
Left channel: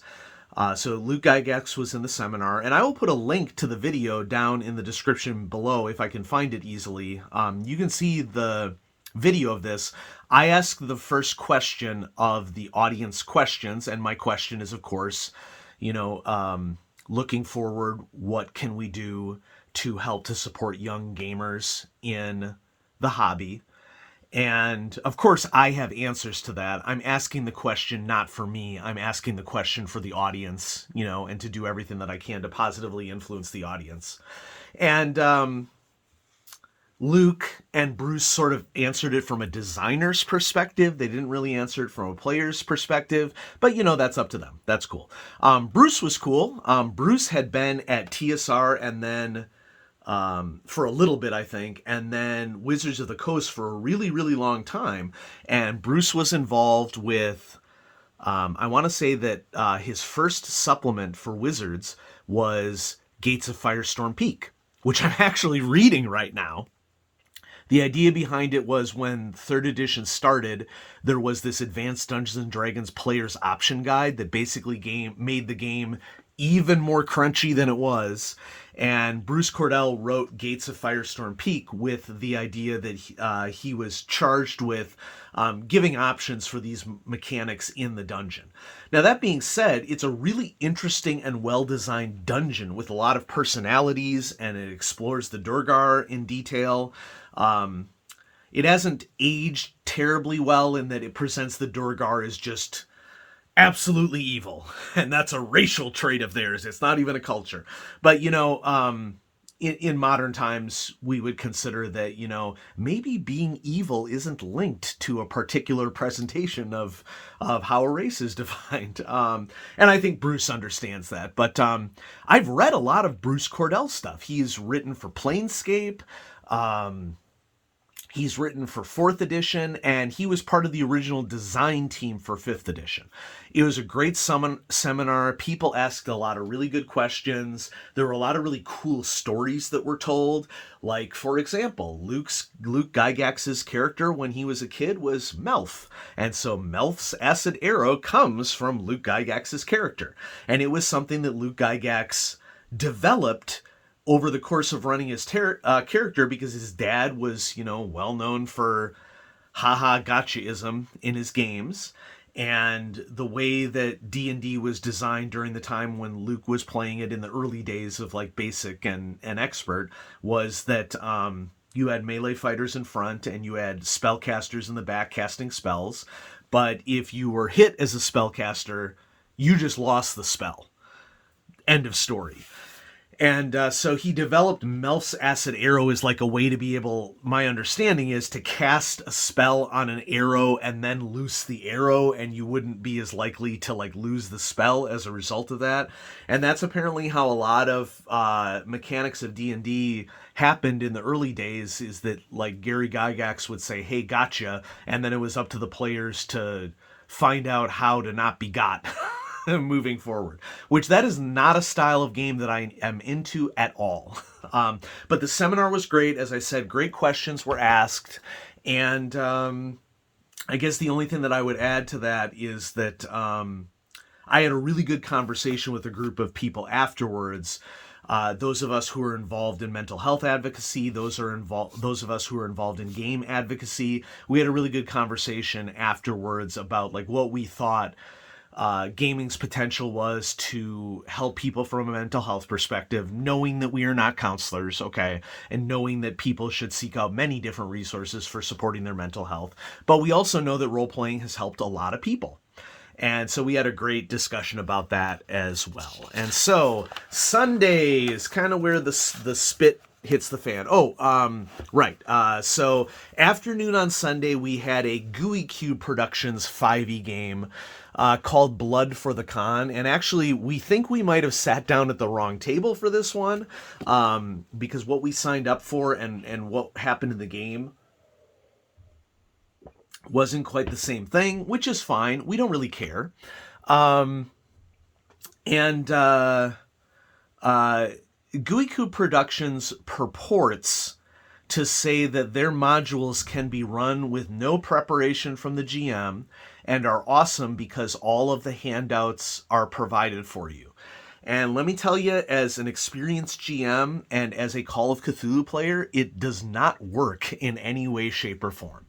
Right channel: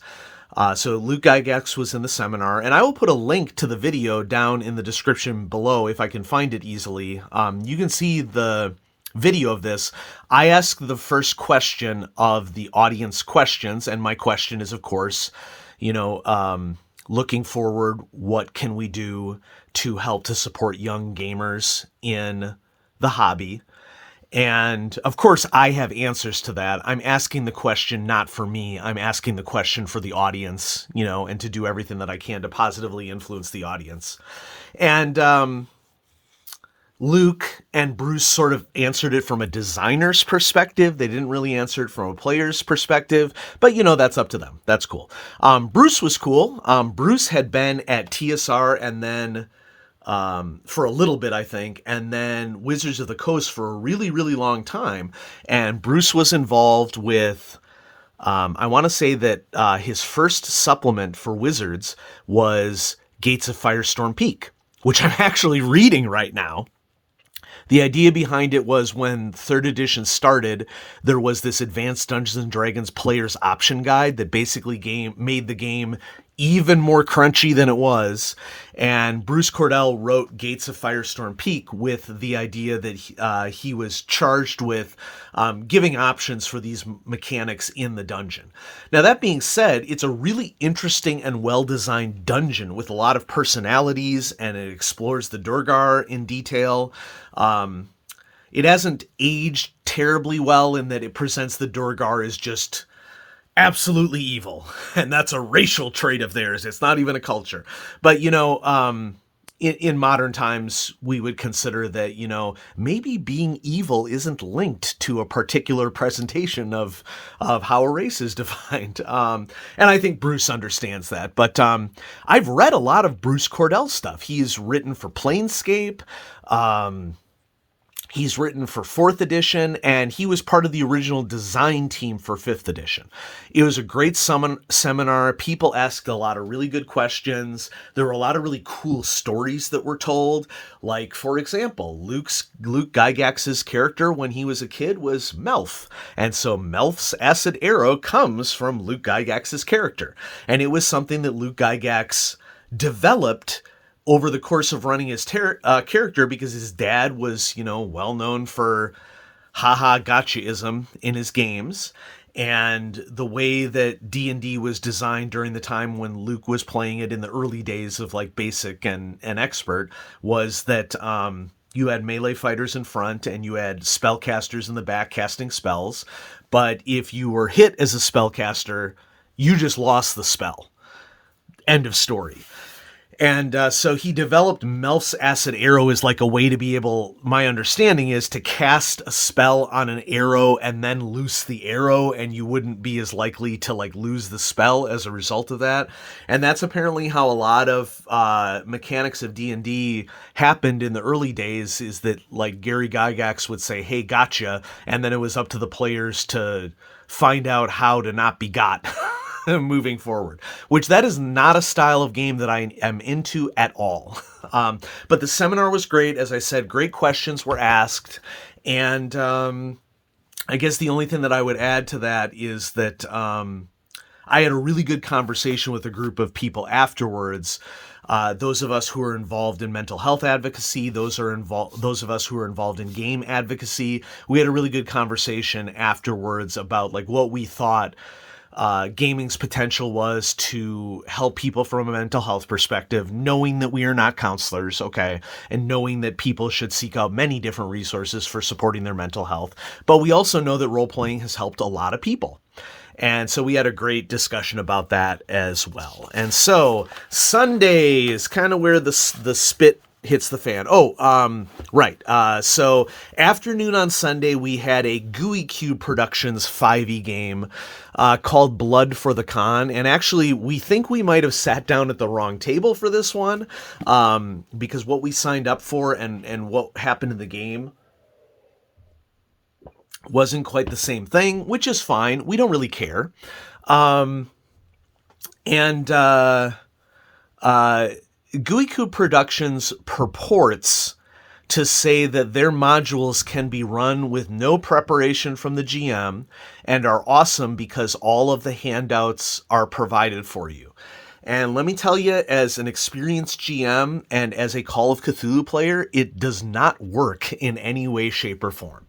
So Luke Gygax was in the seminar, and I will put a link to the video down in the description below if I can find it easily. You can see the video of this. I asked the first question of the audience questions, and my question is, of course, you know, looking forward, what can we do to help to support young gamers in the hobby? And of course, I have answers to that. I'm asking the question not for me. I'm asking the question for the audience, you know, and to do everything that I can to positively influence the audience. And Luke and Bruce sort of answered it from a designer's perspective. They didn't really answer it from a player's perspective, but you know, that's up to them. That's cool. Bruce was cool. Bruce had been at TSR and then for a little bit, I think, and then Wizards of the Coast for a really, really long time. And Bruce was involved with, I want to say that his first supplement for Wizards was Gates of Firestorm Peak, which I'm actually reading right now. The idea behind it was when 3rd edition started, there was this Advanced Dungeons & Dragons player's option guide that basically made the game even more crunchy than it was. And Bruce Cordell wrote Gates of Firestorm Peak with the idea that he was charged with giving options for these mechanics in the dungeon. Now, that being said, it's a really interesting and well-designed dungeon with a lot of personalities, and it explores the Durgar in detail. It hasn't aged terribly well in that it presents the Durgar as just absolutely evil, and that's a racial trait of theirs. It's not even a culture. But you know, in modern times, we would consider that, maybe being evil isn't linked to a particular presentation of how a race is defined. And I think Bruce understands that. But I've read a lot of Bruce Cordell stuff. He's written for Planescape. Um, He's written for 4th edition, and he was part of the original design team for 5th edition. It was a great seminar. People asked a lot of really good questions. There were a lot of really cool stories that were told. Like, for example, Luke Gygax's character when he was a kid was Melf. And so Melf's acid arrow comes from Luke Gygax's character. And it was something that Luke Gygax developed over the course of running his character, because his dad was, well known for haha gotchaism in his games. And the way that D&D was designed during the time when Luke was playing it in the early days of like basic and expert was that you had melee fighters in front and you had spellcasters in the back casting spells. But if you were hit as a spellcaster, you just lost the spell. End of story. And so he developed Melf's Acid Arrow as like a way to be able, my understanding is, to cast a spell on an arrow and then loose the arrow, and you wouldn't be as likely to like lose the spell as a result of that. And that's apparently how a lot of mechanics of D&D happened in the early days, is that like Gary Gygax would say, hey, gotcha, and then it was up to the players to find out how to not be got. Moving forward, which that is not a style of game that I am into at all. But the seminar was great. As I said, great questions were asked. And I guess the only thing that I would add to that is that I had a really good conversation with a group of people afterwards. Those of us who are involved in mental health advocacy, those of us who are involved in game advocacy, we had a really good conversation afterwards about like what we thought gaming's potential was to help people from a mental health perspective, knowing that we are not counselors, okay, and knowing that people should seek out many different resources for supporting their mental health. But we also know that role-playing has helped a lot of people. And so we had a great discussion about that as well. And so Sunday is kind of where the spit hits the fan. Right. So afternoon on Sunday, we had a GUI Cube Productions 5e game called Blood for the Con. And actually, we think we might have sat down at the wrong table for this one, because what we signed up for and what happened in the game wasn't quite the same thing, which is fine. We don't really care. GUI Cube Productions purports to say that their modules can be run with no preparation from the GM and are awesome because all of the handouts are provided for you. And let me tell you, as an experienced GM and as a Call of Cthulhu player, it does not work in any way, shape, or form.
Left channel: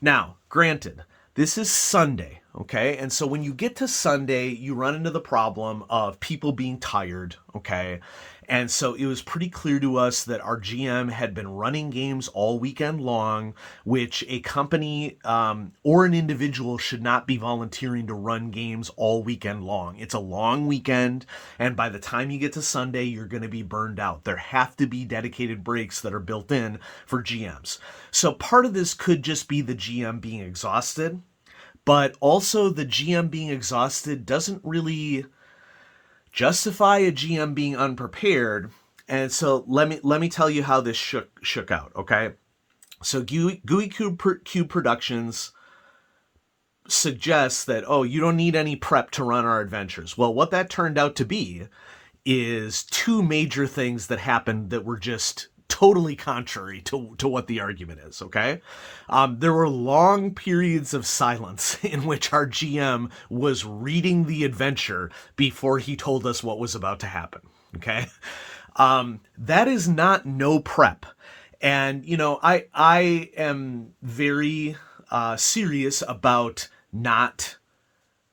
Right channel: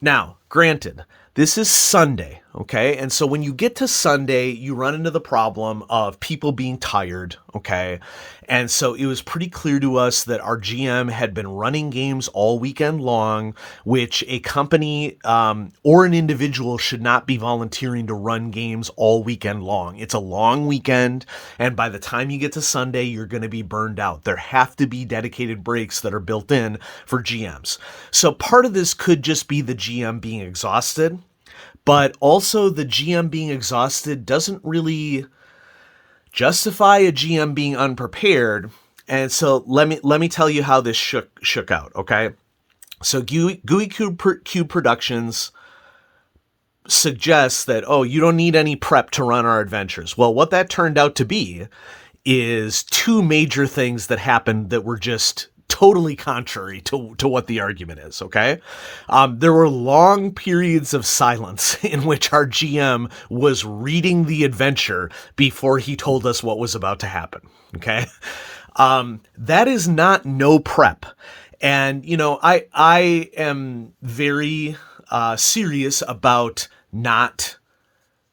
Now, granted, this is Sunday, okay? And so when you get to Sunday, you run into the problem of people being tired, okay? And so it was pretty clear to us that our GM had been running games all weekend long, which a company or an individual should not be volunteering to run games all weekend long. It's a long weekend, and by the time you get to Sunday, you're going to be burned out. There have to be dedicated breaks that are built in for GMs. So part of this could just be the GM being exhausted, but also the GM being exhausted doesn't really justify a GM being unprepared. And so let me tell you how this shook out, okay? So GUI Cube Productions suggests that, you don't need any prep to run our adventures. Well, what that turned out to be is two major things that happened that were just totally contrary to what the argument is, okay? There were long periods of silence in which our GM was reading the adventure before he told us what was about to happen, okay? That is not no prep. And, I am very serious about not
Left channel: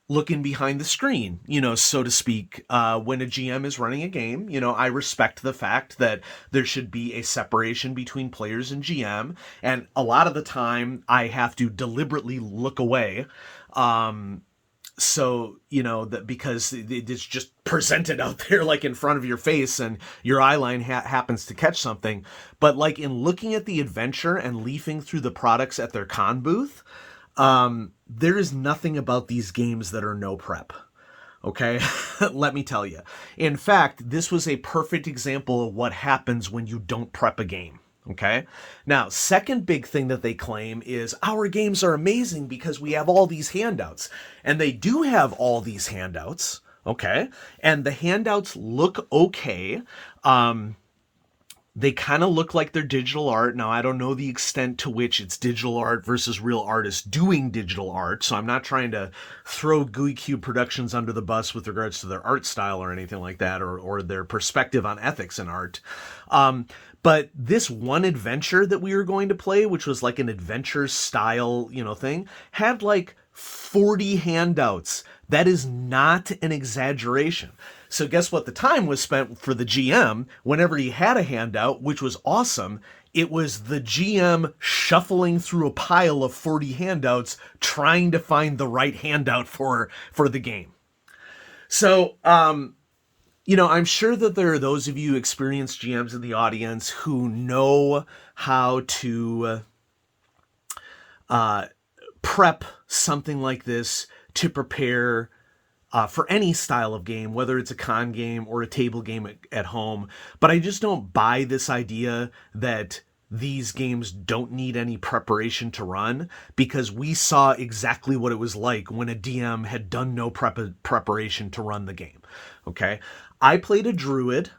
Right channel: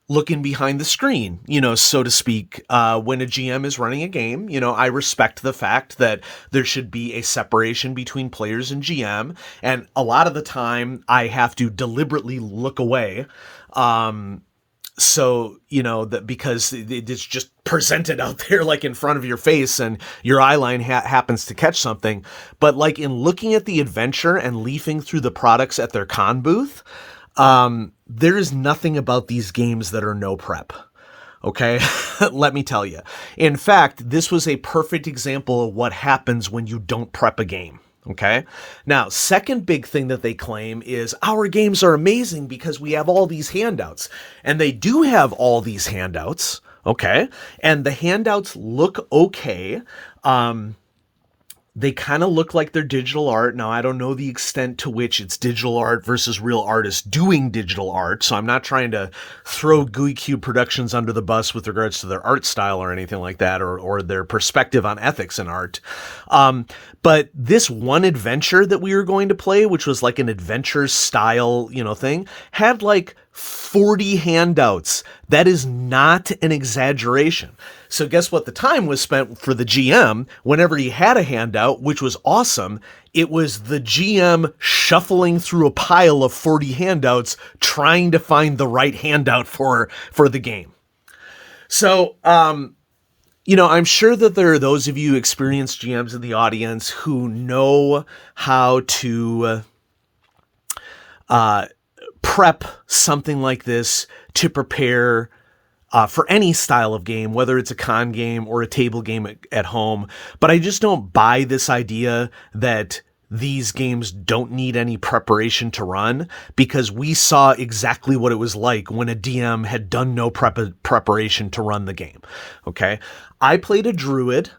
looking behind the screen, so to speak, when a GM is running a game. I respect the fact that there should be a separation between players and GM. And a lot of the time I have to deliberately look away, So, that because it's just presented out there like in front of your face and your eye line happens to catch something. But like in looking at the adventure and leafing through the products at their con booth, there is nothing about these games that are no prep. Okay, let me tell you. In fact, this was a perfect example of what happens when you don't prep a game. Okay, now, second big thing that they claim is our games are amazing because we have all these handouts. And they do have all these handouts. Okay, and the handouts look okay. They kind of look like they're digital art. Now, I don't know the extent to which it's digital art versus real artists doing digital art, so I'm not trying to throw Gooey Cube Productions under the bus with regards to their art style or anything like that, or their perspective on ethics in art. But this one adventure that we were going to play, which was like an adventure style, thing, had like 40 handouts. That is not an exaggeration. So guess what the time was spent for the GM whenever he had a handout, which was awesome. It was the GM shuffling through a pile of 40 handouts, trying to find the right handout for the game. So, I'm sure that there are those of you experienced GMs in the audience who know how to prep something like this to prepare for any style of game, whether it's a con game or a table game at home. But I just don't buy this idea that these games don't need any preparation to run, because we saw exactly what it was like when a DM had done no preparation to run the game. Okay. I played a druid.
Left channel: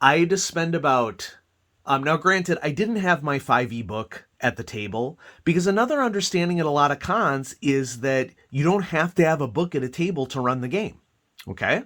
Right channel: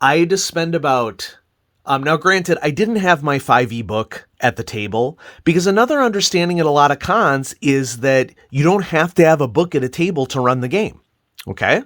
I had to spend about... now, granted, I didn't have my 5e book at the table, because another understanding at a lot of cons is that you don't have to have a book at a table to run the game. Okay.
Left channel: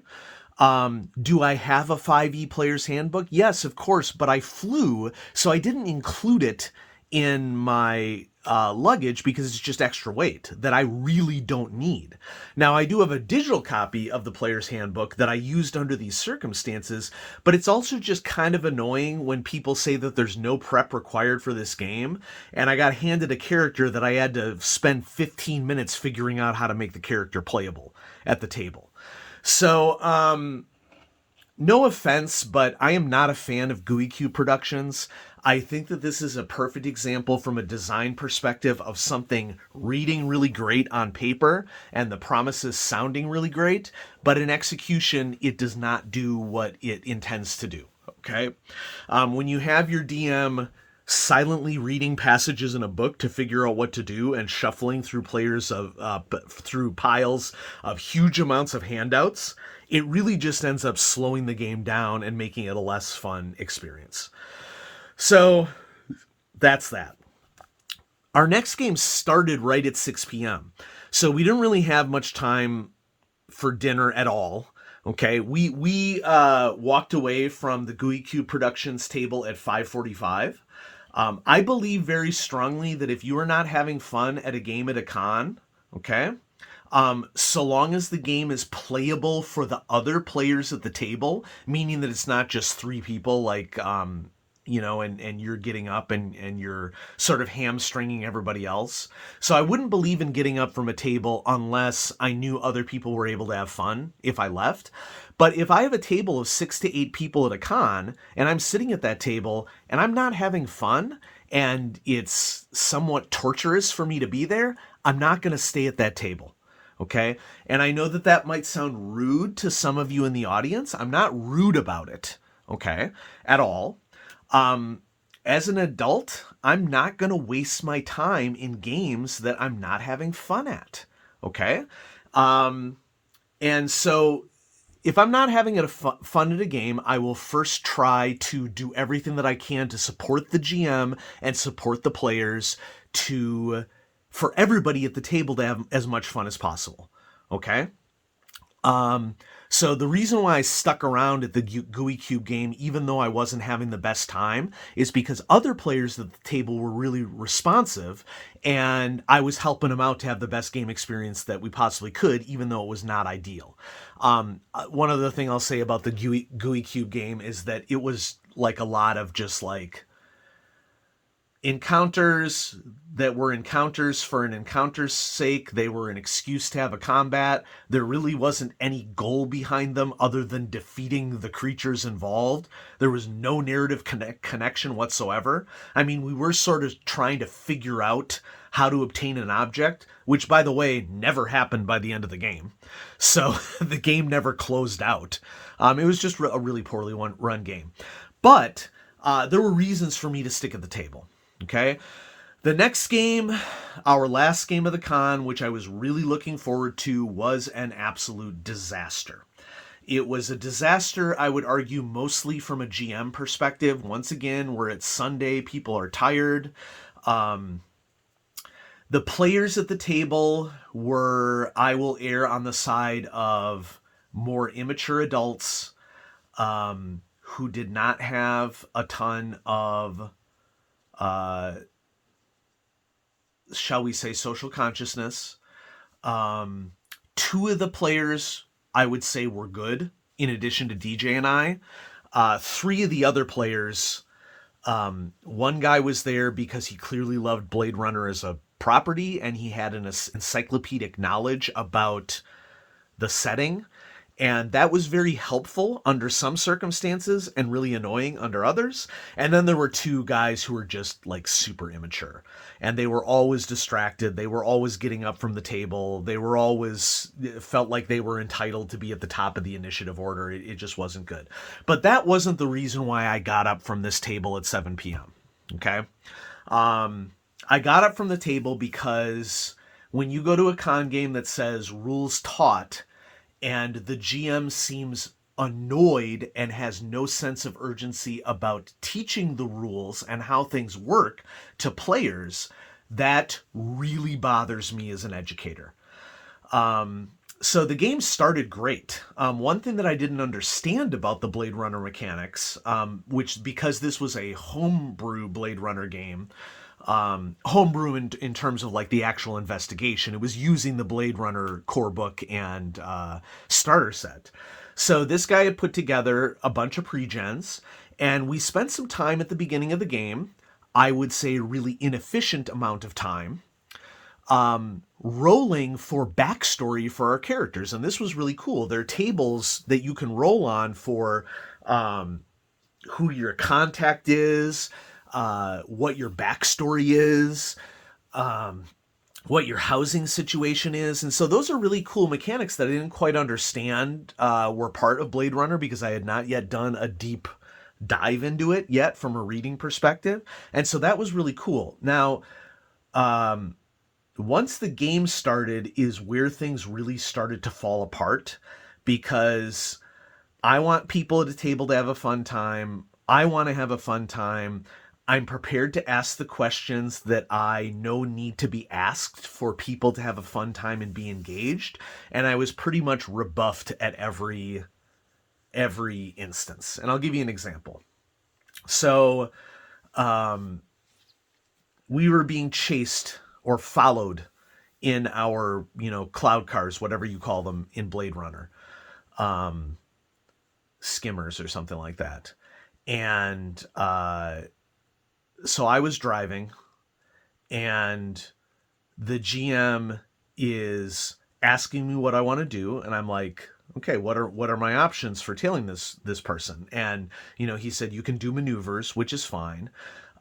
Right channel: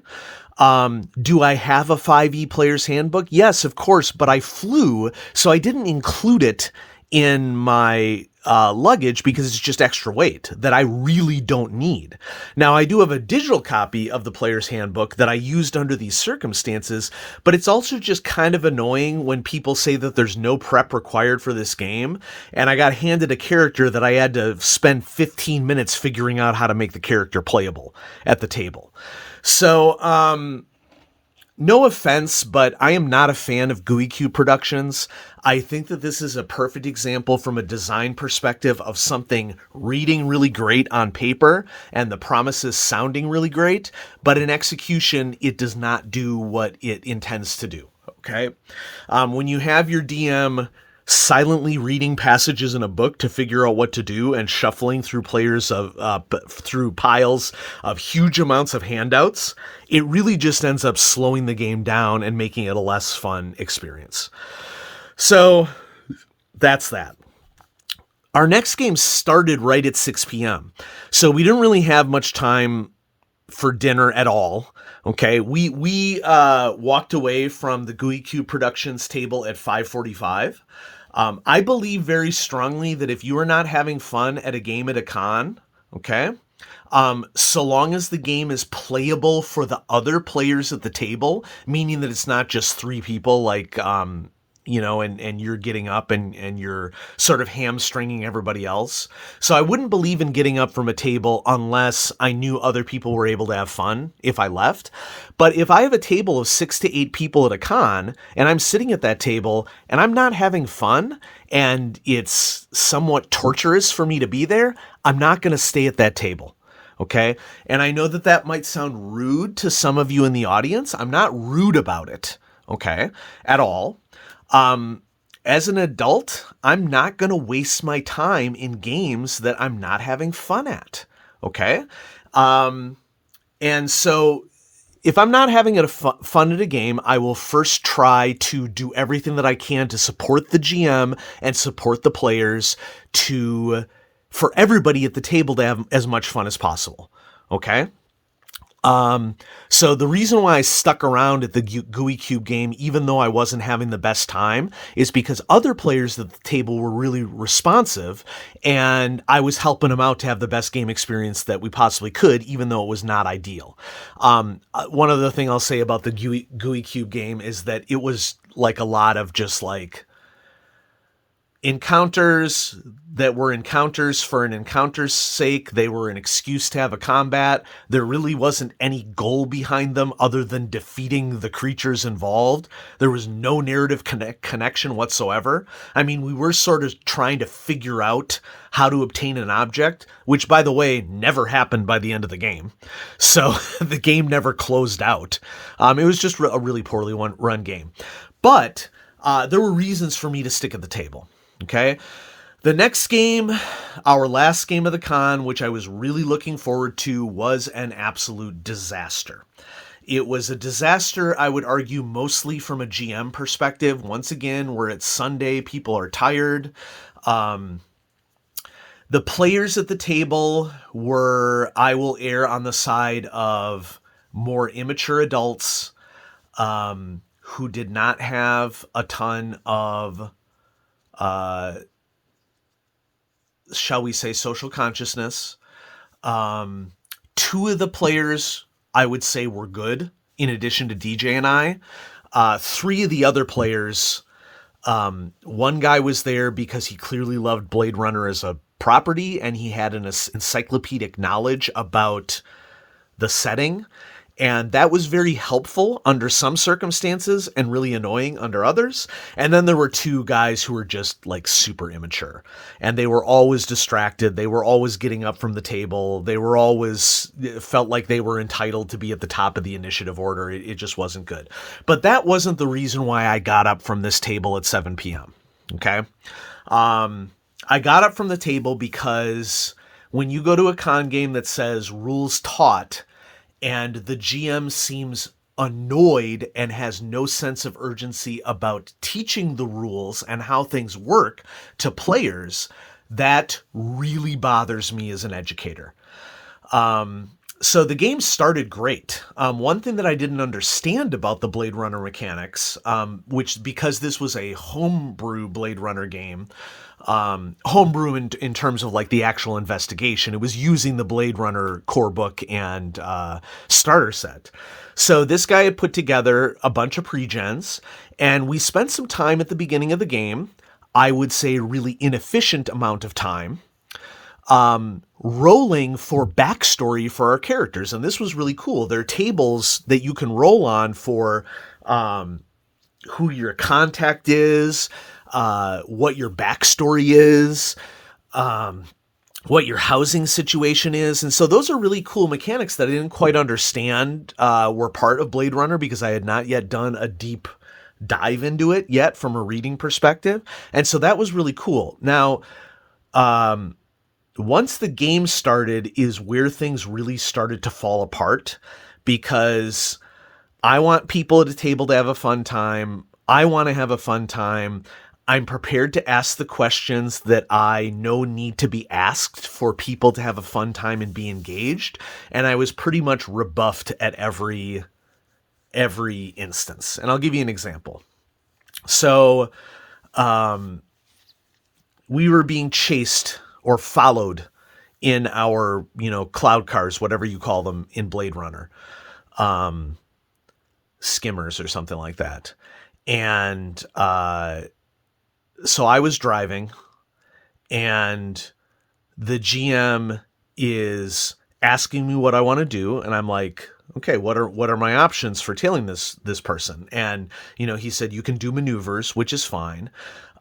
Do I have a 5e player's handbook? Yes, of course, but I flew, so I didn't include it in my luggage because it's just extra weight that I really don't need. Now, I do have a digital copy of the player's handbook that I used under these circumstances, but it's also just kind of annoying when people say that there's no prep required for this game, and I got handed a character that I had to spend 15 minutes figuring out how to make the character playable at the table. So, no offense, but I am not a fan of Gooey Cube Productions. I think that this is a perfect example from a design perspective of something reading really great on paper and the promises sounding really great, but in execution, it does not do what it intends to do. Okay. When you have your DM silently reading passages in a book to figure out what to do and shuffling through through piles of huge amounts of handouts, it really just ends up slowing the game down and making it a less fun experience. So that's that. Our next game started right at 6 p.m. So we didn't really have much time for dinner at all. Okay, we walked away from the Gooey Cube Productions table at 5:45. I believe very strongly that if you are not having fun at a game at a con, okay, so long as the game is playable for the other players at the table, meaning that it's not just three people like, and you're getting up and you're sort of hamstringing everybody else. So I wouldn't believe in getting up from a table unless I knew other people were able to have fun if I left. But if I have a table of 6 to 8 people at a con and I'm sitting at that table and I'm not having fun and it's somewhat torturous for me to be there, I'm not going to stay at that table. Okay. And I know that that might sound rude to some of you in the audience. I'm not rude about it. Okay. At all. As an adult, I'm not going to waste my time in games that I'm not having fun at. Okay. And so if I'm not having fun at a game, I will first try to do everything that I can to support the GM and support the players for everybody at the table to have as much fun as possible. Okay. So the reason why I stuck around at the Gooey Cube game, even though I wasn't having the best time, is because other players at the table were really responsive and I was helping them out to have the best game experience that we possibly could, even though it was not ideal. One other thing I'll say about the Gooey Cube game is that it was like a lot of just like encounters that were encounters for an encounter's sake. They were an excuse to have a combat. There really wasn't any goal behind them other than defeating the creatures involved. There was no narrative connection whatsoever. I mean, we were sort of trying to figure out how to obtain an object, which, by the way, never happened by the end of the game. So the game never closed out. It was just a really poorly run game. But there were reasons for me to stick at the table. Okay. The next game, our last game of the con, which I was really looking forward to, was an absolute disaster. It was a disaster, I would argue, mostly from a GM perspective. Once again, we're at Sunday, people are tired. The players at the table were, I will err on the side of more immature adults who did not have a ton of shall we say, social consciousness. Two of the players, I would say, were good, in addition to DJ and I. Three of the other players, one guy was there because he clearly loved Blade Runner as a property, and he had an encyclopedic knowledge about the setting. And that was very helpful under some circumstances and really annoying under others. And then there were two guys who were just like super immature, and they were always distracted. They were always getting up from the table. They were always felt like they were entitled to be at the top of the initiative order. It just wasn't good. But that wasn't the reason why I got up from this table at 7 p.m. Okay. I got up from the table because when you go to a con game that says rules taught, and the GM seems annoyed and has no sense of urgency about teaching the rules and how things work to players, that really bothers me as an educator. So the game started great. One thing that I didn't understand about the Blade Runner mechanics, which because this was a homebrew Blade Runner game, homebrew in terms of like the actual investigation, it was using the Blade Runner core book and starter set. So this guy had put together a bunch of pre-gens, and we spent some time at the beginning of the game, I would say a really inefficient amount of time, rolling for backstory for our characters. And this was really cool. There are tables that you can roll on for who your contact is, what your backstory is, what your housing situation is. And so those are really cool mechanics that I didn't quite understand were part of Blade Runner, because I had not yet done a deep dive into it yet from a reading perspective. And so that was really cool. Now, once the game started is where things really started to fall apart, because I want people at a table to have a fun time. I want to have a fun time. I'm prepared to ask the questions that I know need to be asked for people to have a fun time and be engaged. And I was pretty much rebuffed at every instance. And I'll give you an example. So, we were being chased or followed in our, cloud cars, whatever you call them in Blade Runner, skimmers or something like that. And, so I was driving, and the GM is asking me what I want to do. And I'm like, okay, what are my options for tailing this person? And, he said, you can do maneuvers, which is fine.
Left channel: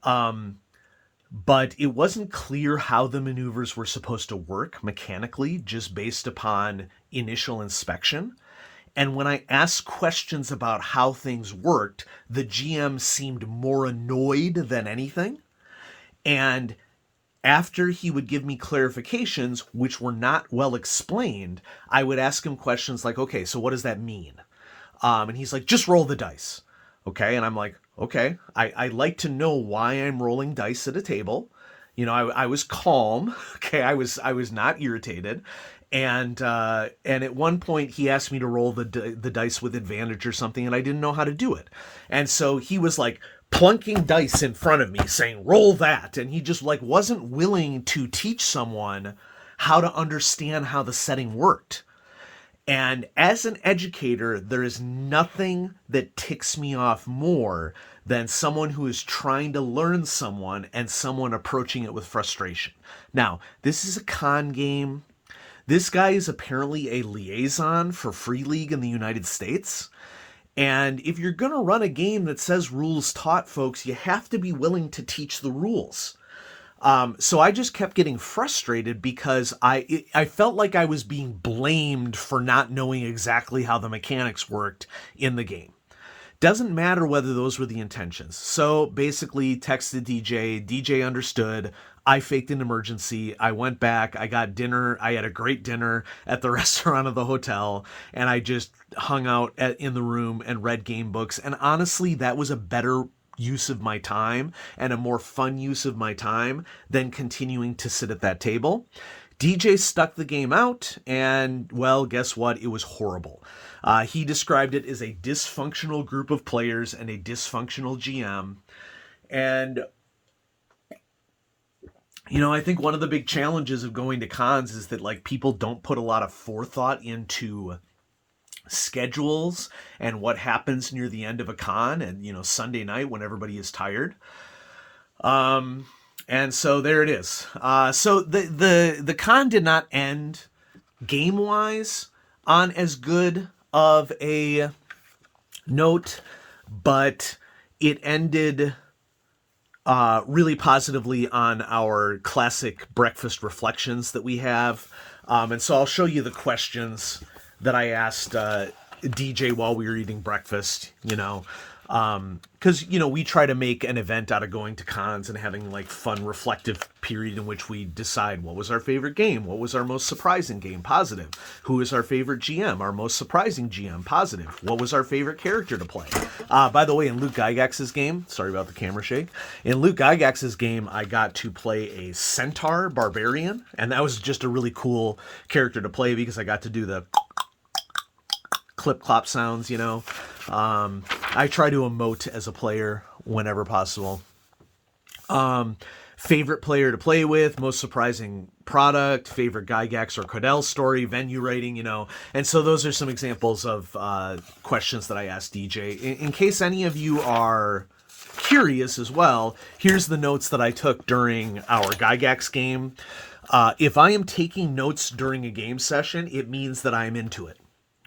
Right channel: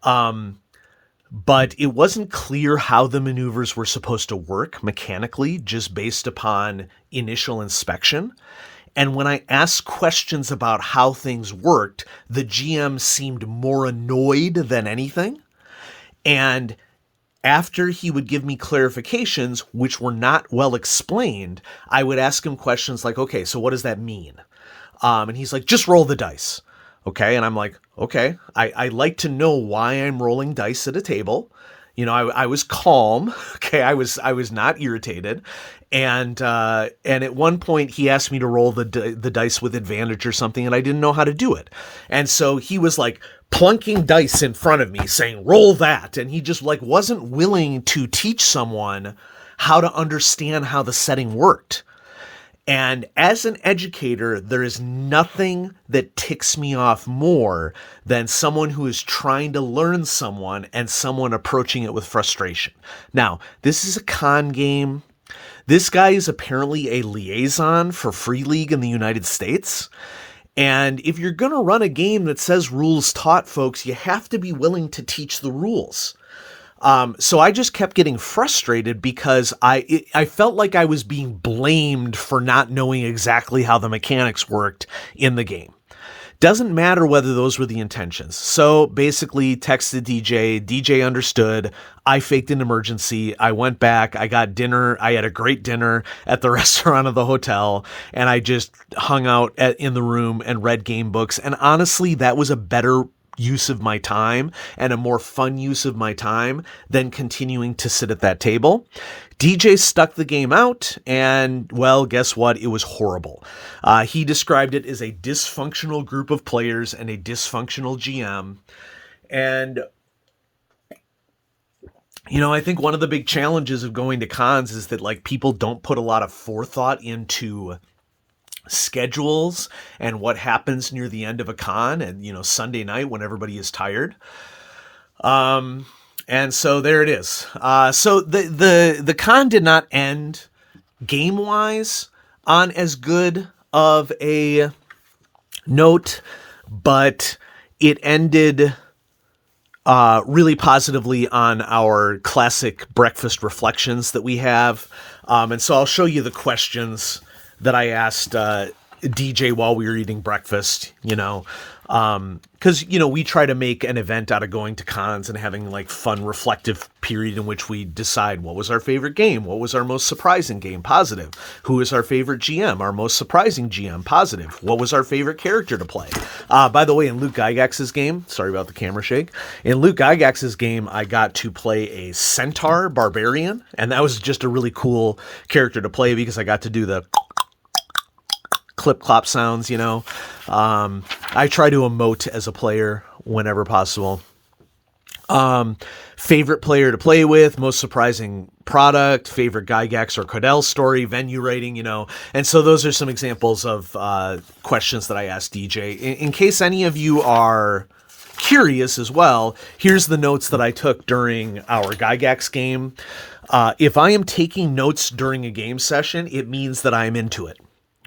But it wasn't clear how the maneuvers were supposed to work mechanically, just based upon initial inspection. And when I asked questions about how things worked, the GM seemed more annoyed than anything. And after he would give me clarifications, which were not well explained, I would ask him questions like, okay, so what does that mean? And he's like, just roll the dice. Okay. And I'm like, okay, I like to know why I'm rolling dice at a table. I was calm. Okay. I was not irritated. And at one point he asked me to roll the dice with advantage or something, and I didn't know how to do it. And so he was like plunking dice in front of me saying, roll that. And he just like wasn't willing to teach someone how to understand how the setting worked. And as an educator, there is nothing that ticks me off more than someone who is trying to learn someone and someone approaching it with frustration. Now, this is a con game. This guy is apparently a liaison for Free League in the United States. And if you're going to run a game that says rules taught, folks, you have to be willing to teach the rules. So I just kept getting frustrated because I felt like I was being blamed for not knowing exactly how the mechanics worked in the game. Doesn't matter whether those were the intentions. So basically texted DJ understood. I faked an emergency. I went back. I got dinner. I had a great dinner at the restaurant of the hotel, and I just hung out in the room and read game books. And honestly, that was a better use of my time and a more fun use of my time than continuing to sit at that table. DJ stuck the game out, and well, guess what? It was horrible. He described it as a dysfunctional group of players and a dysfunctional GM. And, you know, I think one of the big challenges of going to cons is that, like, people don't put a lot of forethought into schedules and what happens near the end of a con and, you know, Sunday night when everybody is tired. And so there it is. So the con did not end game wise on as good of a note, but it ended really positively on our classic breakfast reflections that we have. And so I'll show you the questions that I asked DJ while we were eating breakfast, you know, because, you know, we try to make an event out of going to cons and having like fun, reflective period in which we decide what was our favorite game, what was our most surprising game, positive, who is our favorite GM, our most surprising GM, positive, what was our favorite character to play. By the way, in Luke Gygax's game, sorry about the camera shake, in Luke Gygax's game, I got to play a centaur barbarian, and that was just a really cool character to play because I got to do the clip clop sounds, you know. I try to emote as a player whenever possible. Favorite player to play with, most surprising product, favorite Gygax or Codell story, venue rating, you know. And so those are some examples of questions that I asked DJ. In case any of you are curious as well, here's the notes that I took during our Gygax game. If I am taking notes during a game session, it means that I'm into it.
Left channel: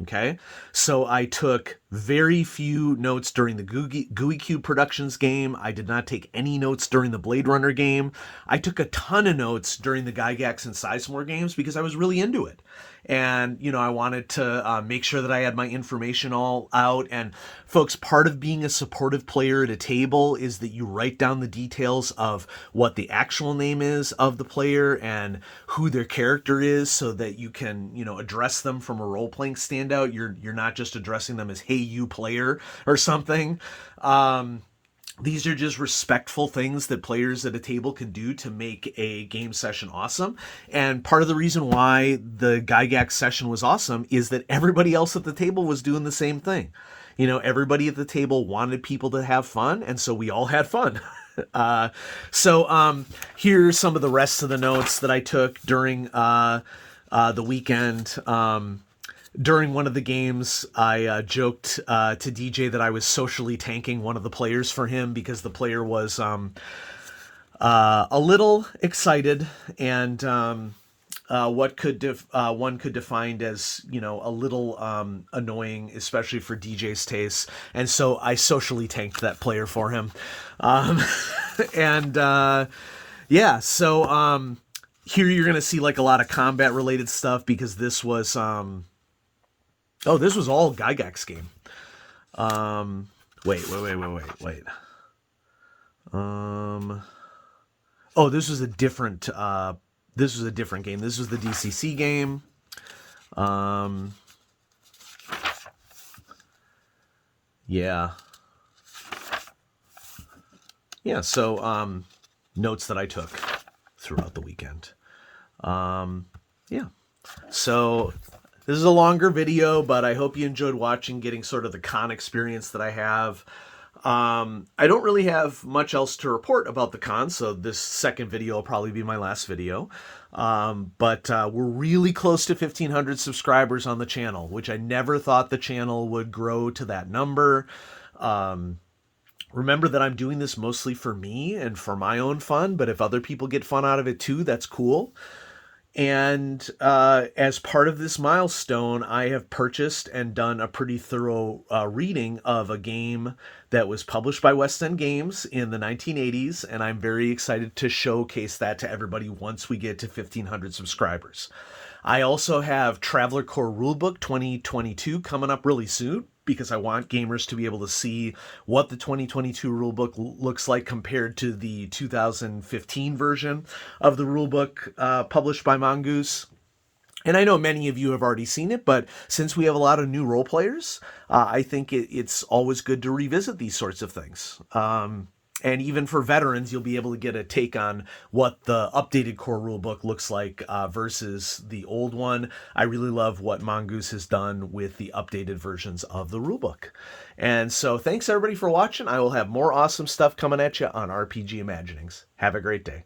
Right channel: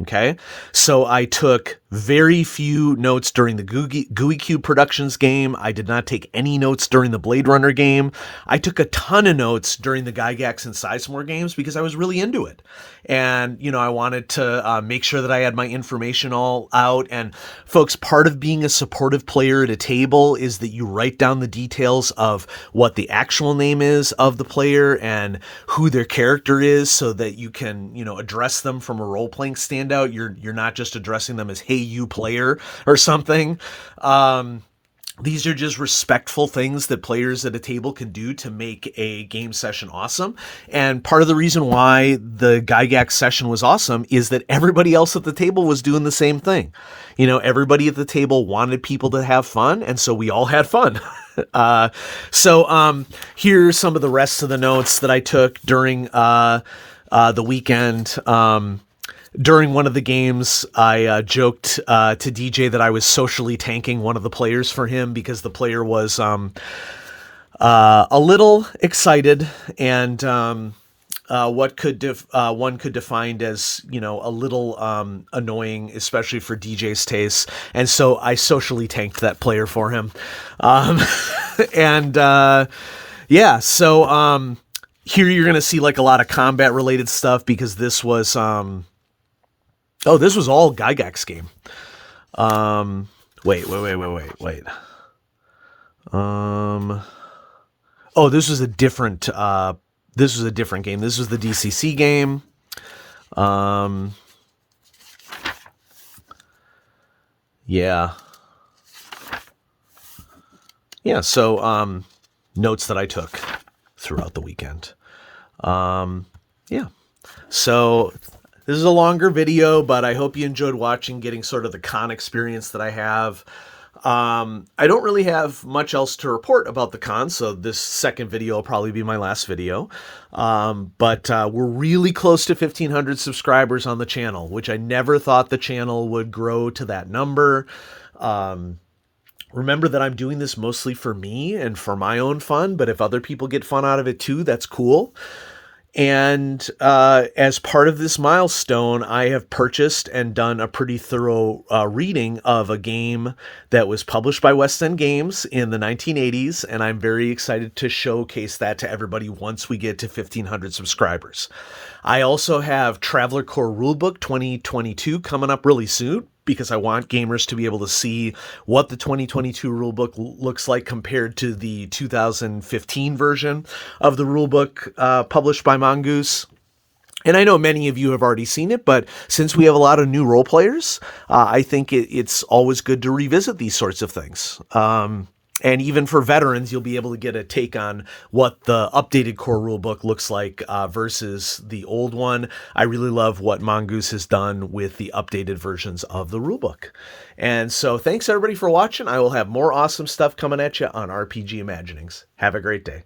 Okay, so I took very few notes during the Gooey Cube Productions game. I did not take any notes during the Blade Runner game. I took a ton of notes during the Gygax and Sizemore games because I was really into it. And, you know, I wanted to make sure that I had my information all out. And folks, part of being a supportive player at a table is that you write down the details of what the actual name is of the player and who their character is so that you can, you know, address them from a role-playing standout. You're not just addressing them as, hey, you player or something. These are just respectful things that players at a table can do to make a game session awesome. And part of the reason why the Gygax session was awesome is that everybody else at the table was doing the same thing. You know, everybody at the table wanted people to have fun, and so we all had fun. So here's some of the rest of the notes that I took during the weekend. During one of the games, I joked to DJ that I was socially tanking one of the players for him because the player was a little excited and what one could define as, you know, a little annoying, especially for DJ's taste. And so I socially tanked that player for him. Yeah, so here you're going to see like a lot of combat related stuff because this was... this was all Gygax game. Wait. This was a different game. This was the DCC game. Yeah. Yeah, so notes that I took throughout the weekend. Yeah. So this is a longer video, but I hope you enjoyed watching, getting sort of the con experience that I have. I don't really have much else to report about the con, so this second video will probably be my last video. But we're really close to 1,500 subscribers on the channel, which I never thought the channel would grow to that number. Um, Remember that I'm doing this mostly for me and for my own fun, but if other people get fun out of it too, that's cool. And as part of this milestone, I have purchased and done a pretty thorough reading of a game that was published by West End Games in the 1980s, and I'm very excited to showcase that to everybody once we get to 1,500 subscribers. I also have Traveler Core Rulebook 2022 coming up really soon because I want gamers to be able to see what the 2022 rulebook looks like compared to the 2015 version of the rulebook published by Mongoose. And I know many of you have already seen it, but since we have a lot of new role players, I think it's always good to revisit these sorts of things. And even for veterans, you'll be able to get a take on what the updated core rulebook looks like versus the old one. I really love what Mongoose has done with the updated versions of the rulebook. And so thanks everybody for watching. I will have more awesome stuff coming at you on RPG Imaginings. Have a great day.